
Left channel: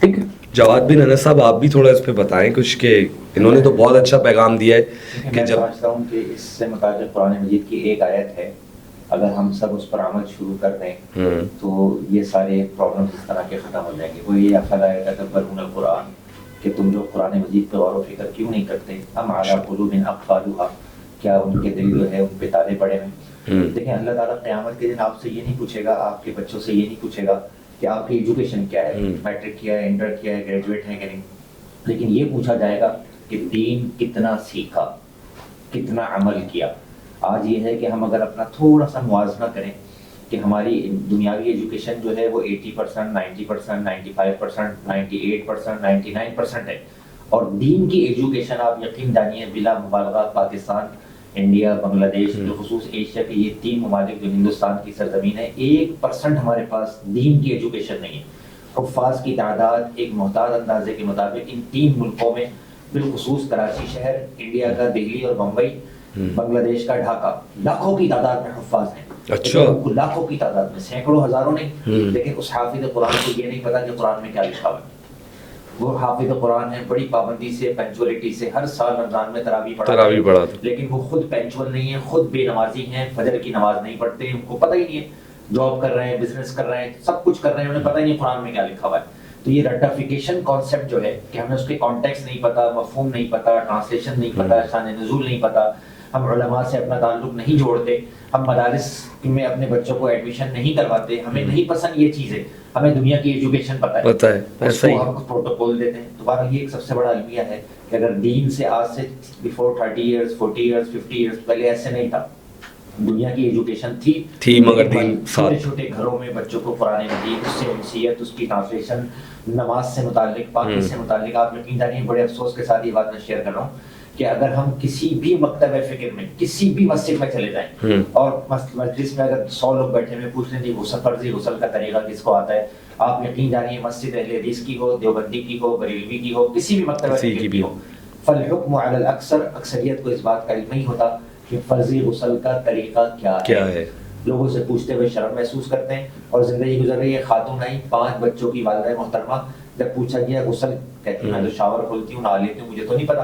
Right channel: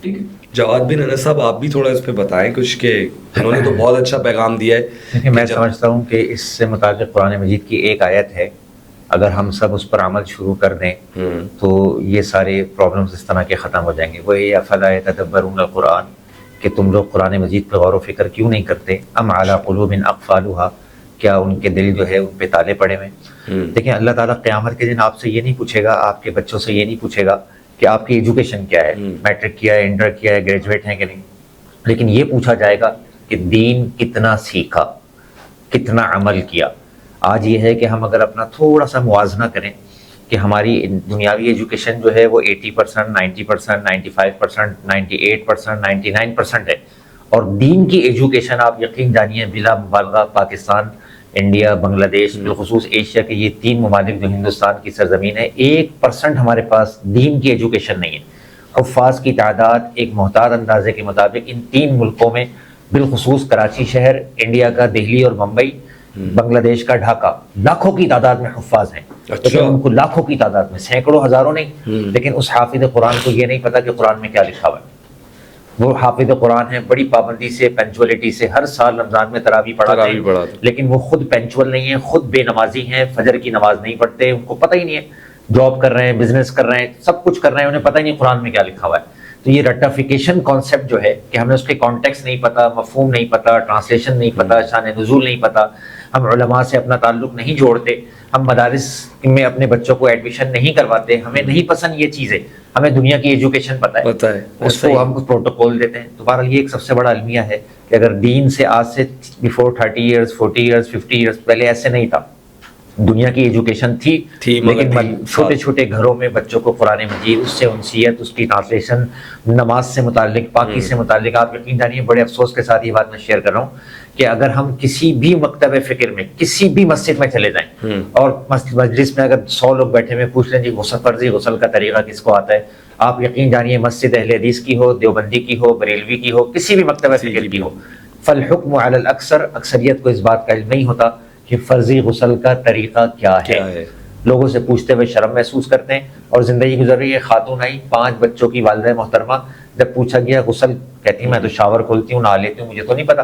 ٹھیک ہے؟ جواد بن انس صاحب آپ بھی تھوڑا اس پہ بتائیں کچھ، کہ انہوں نے تو بہت اچھا پیغام دیا ہے۔ میں سمجھتا ہوں کہ اس سے متعلق قرآن مجید کی ایک آیت ہے، اگر ہم سب اس پر عمل شروع کر دیں تو یہ سارے پرابلمز اس طرح کے ختم ہو جائیں گے۔ وہی افلا یتدبرون القرآن، کہ تم لوگ قرآن مجید پہ غور و فکر کیوں نہیں کرتے؟ ام علی قلوب اقفالها، کیا ان کے دل جو ہے ان پہ تالے پڑے ہوئے؟ دیکھیں اللہ تعالیٰ قیامت کے دن آپ سے یہ نہیں پوچھے گا، آپ کے بچوں سے یہ نہیں پوچھے گا کہ آپ کی ایجوکیشن کیا ہے، میٹرک کیا ہے، انٹر کیا ہے، گریجویٹ ہیں کہ نہیں، لیکن یہ پوچھا جائے گا کہ دین کتنا سیکھا، کتنا عمل کیا۔ آج یہ ہے کہ ہم اگر اپنا تھوڑا سا موازنہ کریں کہ ہماری دنیاوی ایجوکیشن جو ہے وہ 80%، 90%، 95%، 98%، 99% ہے، اور دین کی ایجوکیشن آپ یقین جانیے بلا مبالغہ پاکستان، انڈیا، بنگلہ دیش، بالخصوص ایشیا کے یہ تین ممالک جو ہندوستان کی سرزمین ہے، 1% ہمارے پاس دین کی ایجوکیشن نہیں ہے۔ حفاظ کی تعداد ایک محتاط اندازے کے مطابق ان تین ملکوں میں، بالخصوص کراچی شہر، انڈیا کا دہلی اور ممبئی، بنگلہ دیش کا ڈھاکہ، لاکھوں کی تعداد میں حفاظ ہیں۔ اچھا، ان کو لاکھوں کی تعداد میں، سینکڑوں ہزاروں نہیں، لیکن اس حافظ قرآن کو یہ نہیں پتا کہ قرآن میں کیا لکھا ہوا ہے۔ وہ حافظ قرآن ہے، بڑی پابندی سے، پنچولیٹی سے، ہر سال رمضان میں تراویح پڑھاتے ہیں، لیکن وہ خود پنچول نہیں ہیں، خود بے نمازی ہیں، فجر کی نماز نہیں پڑھتے، ان کو پتہ ہی نہیں ہے، جاب کر رہے ہیں، بزنس کر رہے ہیں، سب کچھ کر رہے ہیں، انہیں پتہ ہی نہیں قرآن میں کیا لکھا ہوا ہے۔ تو یہ رٹافیکیشن کانسیپٹ جو ہے کہ ہمیں اس کے کانٹیکس نہیں پتا، مفہوم نہیں پتا، ٹرانسلیشن نہیں پتا، شان نزول نہیں پتا، ہم علماء سے اپنا تعلق نہیں جوڑتے، ہم مدارس میں اپنے بچوں کو ایڈمیشن نہیں کرواتے، ہمیں نہیں پسند یہ چیزیں، ہمیں دنیا کی ایجوکیشن پتہ ہے، اس کو ہم پروٹوکول دیتے ہیں. تو بہرحال یہ ایک سب سے بڑا المیہ ہے کہ اگر دین سے آج سے بیفور 30 ایئرس 40 ایئرس 50 ایئرس پہلے ایسے نہیں تھا، دنیا کی ایجوکیشن تھی مگر چھوٹے چھوٹے گھروں میں بچوں کو قرآن مجید، اس سے انسیت، اس کی ٹرانسلیشن، نماز سے متعلق، پاکی سے متعلق. آپ یقین جانیے بڑے افسوس کے ساتھ یہ بات میں شیئر کر رہا ہوں کہ اگر ہم کسی بھی مکتب فکر میں، کسی بھی مسجد میں چلے جائیں اور مجلس میں اگر 100 لوگ بیٹھے ہوئے پوچھ لیں جی غسل، فرضی غسل کا طریقہ کس کو آتا ہے، آپ یقین جانیے مسجد اہل حدیث کی ہو، دیوبندی کی ہو، بریلوی کی ہو، کسی بھی مکتب فکر کی ہو، فالحکم علی الاکثر، اکثریت کو اس بات کا علم نہیں ہوتا کہ فرضی غسل کا طریقہ کیا ہے. لوگوں سے پوچھتے ہوئے شرم محسوس کرتے ہیں اور زندگی گزر رہی ہے. خاتون آئی 5 بچوں کی والدہ محترمہ، جب پوچھا گیا غسل، کہتی میں تو شاور کھولتی ہوں، نہا لیتی ہوں، مجھے تو نہیں پتا.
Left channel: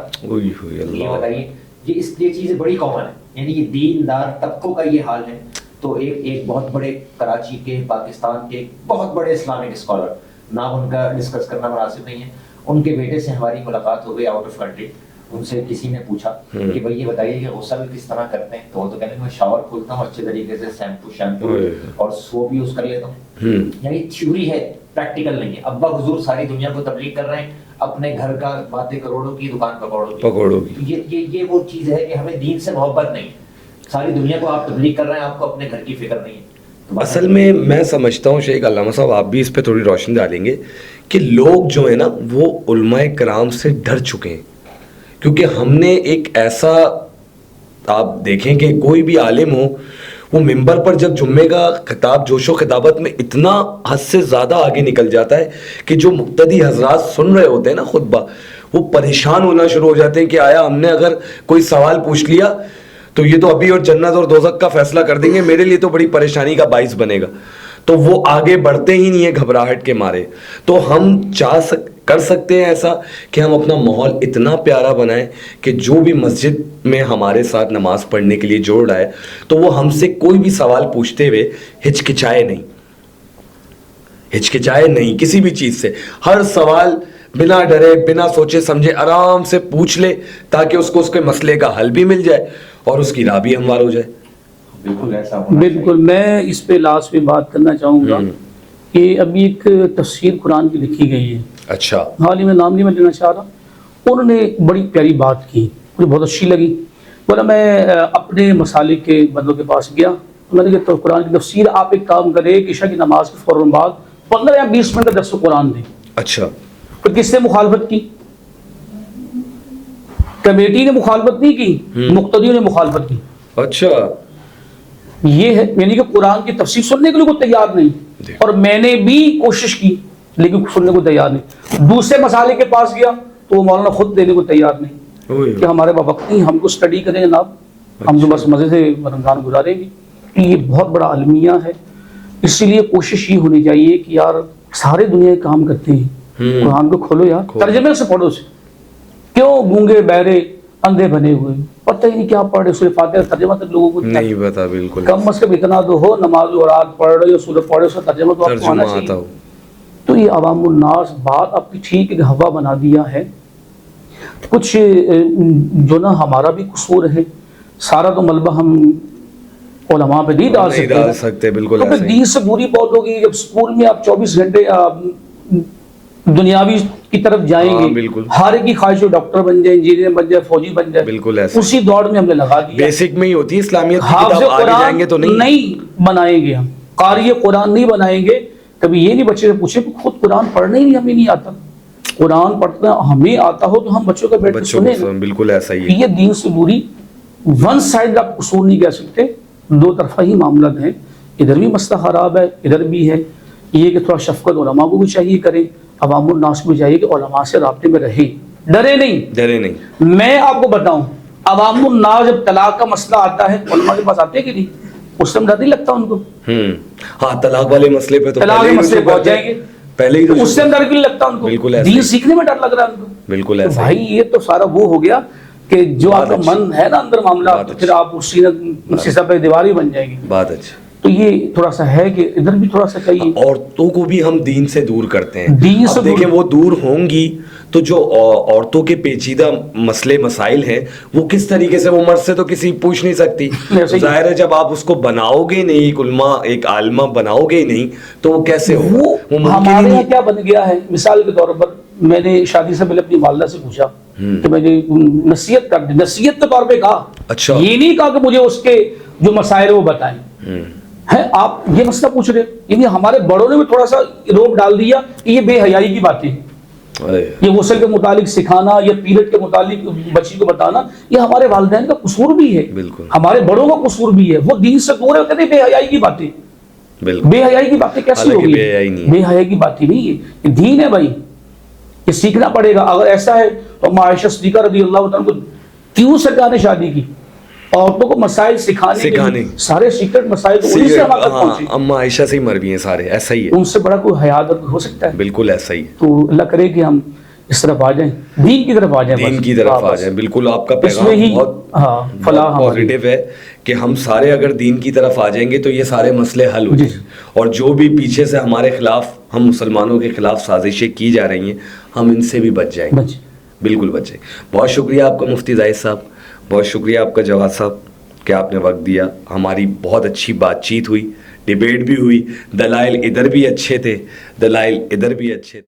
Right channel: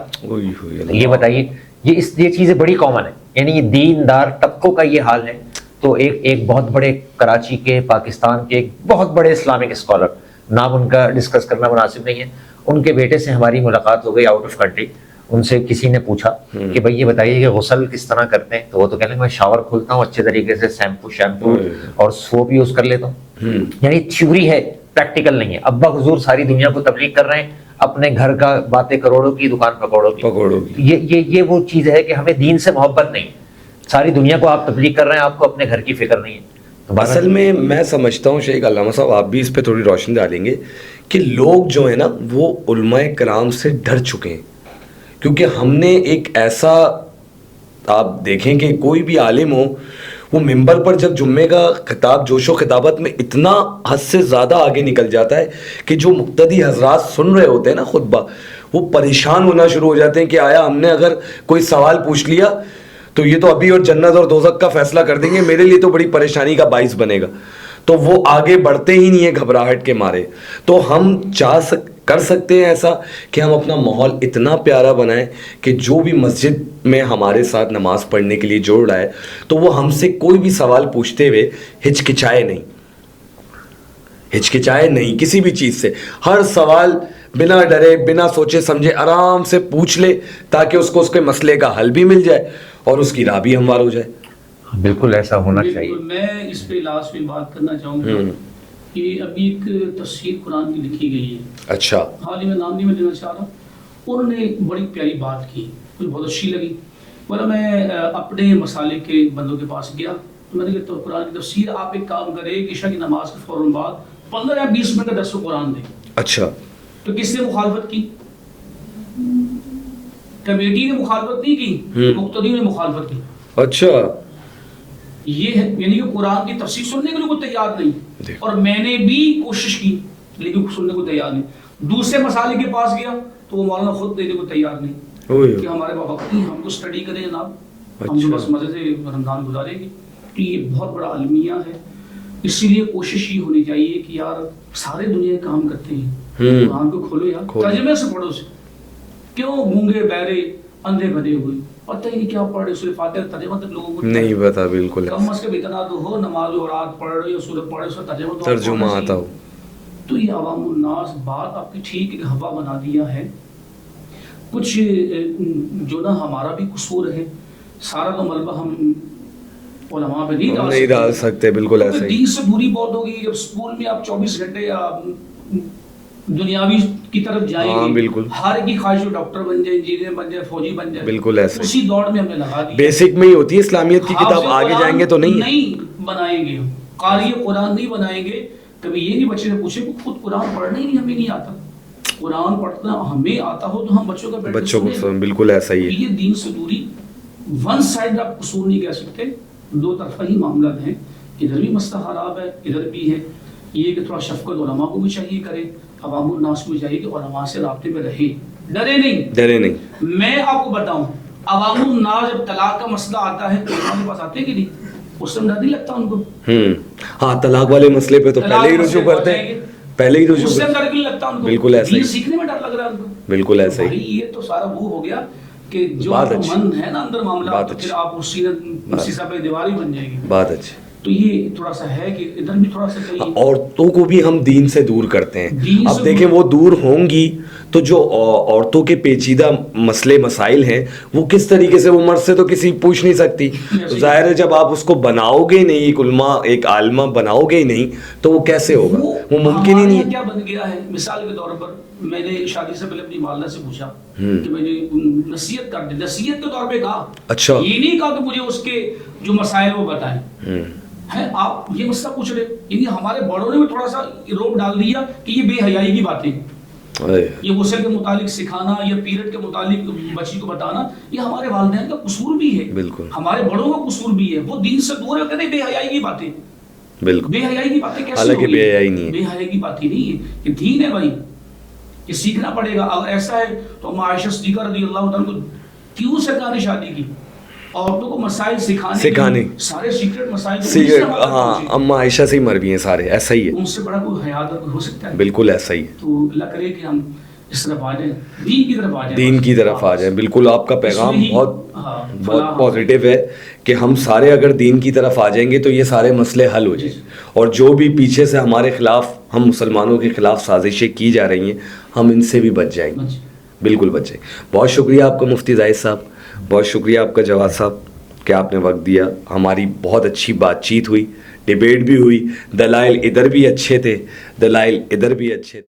یہ بتائیے، یہ چیزیں بڑی کامن ہیں، یعنی یہ دیندار طبقوں کا یہ حال ہے. تو ایک بہت بڑے کراچی کے، پاکستان کے ایک بہت بڑے اسلامک اسکالر، نام ان کا ڈسکس کرنا مناسب نہیں ہے، ان کے بیٹے سے ہماری ملاقات ہو گئی آؤٹ آف کنٹری. ان سے کسی نے پوچھا کہ بھائی یہ بتائیے کہ غسل کس طرح کرتے ہیں، تو وہ تو کہنے میں شاور کھولتا ہوں اچھے طریقے سے، شیمپو اور سوپ یوز کر لیتا ہوں. یعنی تھیوری ہے، پریکٹیکل نہیں ہے. ابا حضور ساری دنیا کو تبلیغ کر رہے ہیں، اپنے گھر کا باتیں کروڑوں کی، دکان پکوڑوں کی. یہ وہ چیز ہے کہ ہمیں دین سے محبت نہیں. ساری دنیا کو آپ تبلیغ کر رہے ہیں، آپ کو اپنے گھر کی فکر نہیں ہے. اصل میں سمجھتا ہوں شیخ علامہ صاحب، آپ بھی اس پہ تھوڑی روشنی ڈالیں گے کہ لوگ جو ہیں نا وہ علماء کرام سے ڈر چکے ہیں. کیونکہ ہم نے ایک ایسا، آپ دیکھیں کہ کوئی بھی عالم ہو وہ ممبر پر جب جمعے کا خطاب جوش و خطابت میں اتنا حد سے زیادہ آگے نکل جاتا ہے کہ جو مقتدی حضرات سن رہے ہوتے ہیں نا خطبہ، وہ پریشان ہونا شروع ہو جاتے ہیں کہ آیا ہم نے اگر کوئی سوال پوچھ لیا تو یہ تو ابھی اور جنت اور دوزخ کا فیصلہ کر دیں گے، میرے لیے تو بڑی پریشانی کا باعث بنے گا. تو وہ آگے بڑھتے ہی نہیں ہیں گھبراہٹ کے مارے. تو ہم کر سکتے ہیں ایسا کہ ہم اپنا ماحول اتنا پیارا بنائیں کہ جو بھی مسجد میں ہمارے ساتھ نماز پڑھنے کے لیے جوڑ رہا ہے تو وہ ہم سے کوئی بھی سوال پوچھتے ہوئے ہچکچائے نہیں کسی بھی چیز سے. ہر سوال بنا ڈرے، بنا سوچے سمجھے آرام سے پوچھ لے تاکہ اس کو اس کے مسئلے کا حل بھی مل جائے اور اس کی راہ بھی ہموار ہو جائے. بالکل ایسا ہونا چاہیے. بالکل. میں اس پہ لاسٹ میں بات کرنا چاہوں گا کہ ابھی ایک تفسیر قرآن کی لکھی گئی ہے. اچھا. حال ہی میں نام نہیں میں لینا چاہ رہا. انہوں نے بڑی پیاری بات کی، مجھے بہت اچھی لگی. بولا میں اپنے مسالے کے بندوں کے پاس گیا، میں نے کہا قرآن کی تفسیر آپ ایک کام کرے کہ عشاء کی نماز کے فوراً بعد 15 یا 20 منٹ کا درس قرآن دیں. اچھا. تو کس نے مخالفت کی؟ کمیٹی نے مخالفت نہیں کی، مقتدیوں نے مخالفت کی. اچھا. یہ ہے یعنی کہ قرآن کی تفسیر سننے کے لیے کوئی تیار نہیں. اور میں نے بھی کوشش کی لیکن سننے کو تیار نہیں. دوسرے مسالے کے پاس گیا تو وہ مولانا خود دینے کو تیار نہیں کہ ہمارے پاس وقت نہیں، ہم کو اسٹڈی کریں جناب، ہم تو بس مزے سے رمضان گزاریں گے. یہ بہت بڑا المیہ ہے. اس لیے کوشش یہ ہونی چاہیے کہ یار سارے دنیا کے کام کرتے ہیں، قرآن کو کھولو یار، ترجمے سے پڑھو سے. کیوں گونگے بہرے اندھے بنے ہوئے پتہ ہی نہیں کیا پڑھ رہے، سورہ فاتحہ ترجمہ تک لوگوں کو نہیں پتا. بالکل. کم از کم اتنا تو ہو نماز و رات پڑھ رہے ہو، سورہ پڑھ رہے ہو، ترجمہ تو ترجمہ آتا ہو. تو یہ عوام الناس بات آپ کی ٹھیک ہے، ہوا بنا دیا ہے. کچھ جو نا ہمارا بھی قصور ہے، سارا تو ملبہ ہم علماء پہ نہیں ڈال سکتے. بالکل ایسا ہی. دین سے دوری بہت ہوگی. جب اسکول میں آپ 24 گھنٹے دنیاوی کی طرف جائیں گے، بالکل ہر ایک کی خواہش ہو ڈاکٹر بن جائے، انجینئر بن جائے، فوجی بن جائے. بالکل ایسا. اسی دوڑ میں ہم نے لگا دیا. بیسک میں ہی ہوتی ہے اسلامیت کی کتاب، آگے جائیں گے تو نہیں بنائیں گے. ہم قاری قرآن نہیں بنائیں گے. کبھی یہ نہیں بچے سے پوچھے کہ خود قرآن پڑھنا ہی نہیں ہمیں نہیں آتا. قرآن پڑھنا ہمیں آتا ہو تو ہم بچوں کا بیٹھ کے سنیں. بالکل ایسا ہی ہے. یہ دین سے دوری ون سائڈ آپ اصول نہیں کہہ سکتے، دو طرفہ ہی معاملات ہیں. ادھر بھی مسئلہ خراب ہے، ادھر بھی ہے. یہ کہ تھوڑا شفقت علماء کو بھی چاہیے کریں، عوام الناس کو چاہیے کہ علماء سے رابطے میں رہے، ڈرے نہیں. میں آپ کو بتاؤں عوام الناس جب طلاق کا مسئلہ آتا ہے علماء کے پاس آتے کہ نہیں؟ اس سے ڈر نہیں لگتا ان کو. ہاں طلاق والے مسئلے پہ تو پہلے ہی رجوع کرتے ہیں، پہلے ہی رجوع. اس سے ڈر نہیں لگتا ان کو. بالکل ایسا. دین سیکھنے میں ڈر لگ رہا ہے ان کو. بالکل ایسا. بھائی یہ تو سارا وہ ہو گیا کہ جو آپ کا من ہے نا اندر معاملہ، پھر آپ اسی سے پہ دیواری بن جائے گی. بات اچھی. تو یہ تھوڑا سا ہے کہ ادھر بھی تھوڑا سا کہیں عورتوں کو بھی ہم دین سے دور کرتے ہیں. دین سے اب دیکھیں وہ دور ہوں گی تو جو عورتوں کے پیچیدہ مسئلے مسائل ہیں وہ کس طریقے سے، وہ مرد سے تو کسی پوچھ نہیں سکتی. ظاہر ہے جب آپ اس کو بناؤ گے نہیں، ایک علماء ایک عالمہ بناؤ گے ہی نہیں تو وہ کیسے ہوگا، وہ ممکن ہی نہیں. کیا بن گیا ہے، مثال کے طور پر میں نے شادی سے پہلے اپنی والدہ سے پوچھا کہ میں نے نصیحت کر دی، نصیحت کے طور پہ کہا، اچھا یہ نہیں کہا کہ مجھے اس کے جو مسائل وہ بتائیں. ہے آپ یہ مسئلہ پوچھ رہے، یعنی ہمارے بڑوں نے بھی تھوڑا سا روک ڈال دیا کہ یہ بے حیائی کی باتیں، یہ غسل کے متعلق سکھانا یا پیریڈ کے متعلق بچی کو بتانا، یہ ہمارے والدین کا قصور بھی ہے، بالکل ہمارے بڑوں کا قصور بھی ہے. وہ دین سے دور ہے، کہتے ہیں بے حیائی کی باتیں. بالکل بے حیائی کی باتیں کیسے حالانکہ ہوگی؟ بے حیائی نہیں ہے، بے حیائی کی باتیں نہیں ہے، یہ دین ہے بھائی، یہ سیکھنا پڑے گا. اگر ایسا ہے تو اما عائشہ صدیقہ رضی اللہ عنہ کو کیوں سرکار نے شادی کی؟ عورتوں کو مسائل سکھانے، سارے سیکرٹ مسائل اما عائشہ سے ہی مروی ہیں سارے، ایسا ہی ہے. ان سے بڑا کوئی حیات ہو سکتا ہے؟ بالکل ایسا ہی ہے. تو اللہ کرے کہ ہم اس طرف آ جائیں، دین کی طرف آ جائیں، دین کی طرف آ جائیں. بالکل آپ کا پیغام بہت پازیٹیو ہے کہ ہم سارے اگر دین کی طرف آ جائیں گے تو یہ سارے مسئلے حل ہو جائیں، اور جو بھی پیچھے سے ہمارے خلاف، ہم مسلمانوں کے خلاف سازشیں کی جا رہی ہیں، ہم ان سے بھی بچ جائیں گے. بالکل بچ جائیں. بہت شکریہ آپ کا مفتی زاہد صاحب، بہت شکریہ آپ کا جواد صاحب کہ آپ نے وقت دیا. ہماری بہت اچھی بات چیت ہوئی، ڈیبیٹ بھی ہوئی، دلائل ادھر بھی اچھے تھے، دلائل ادھر بھی اچھے تھے.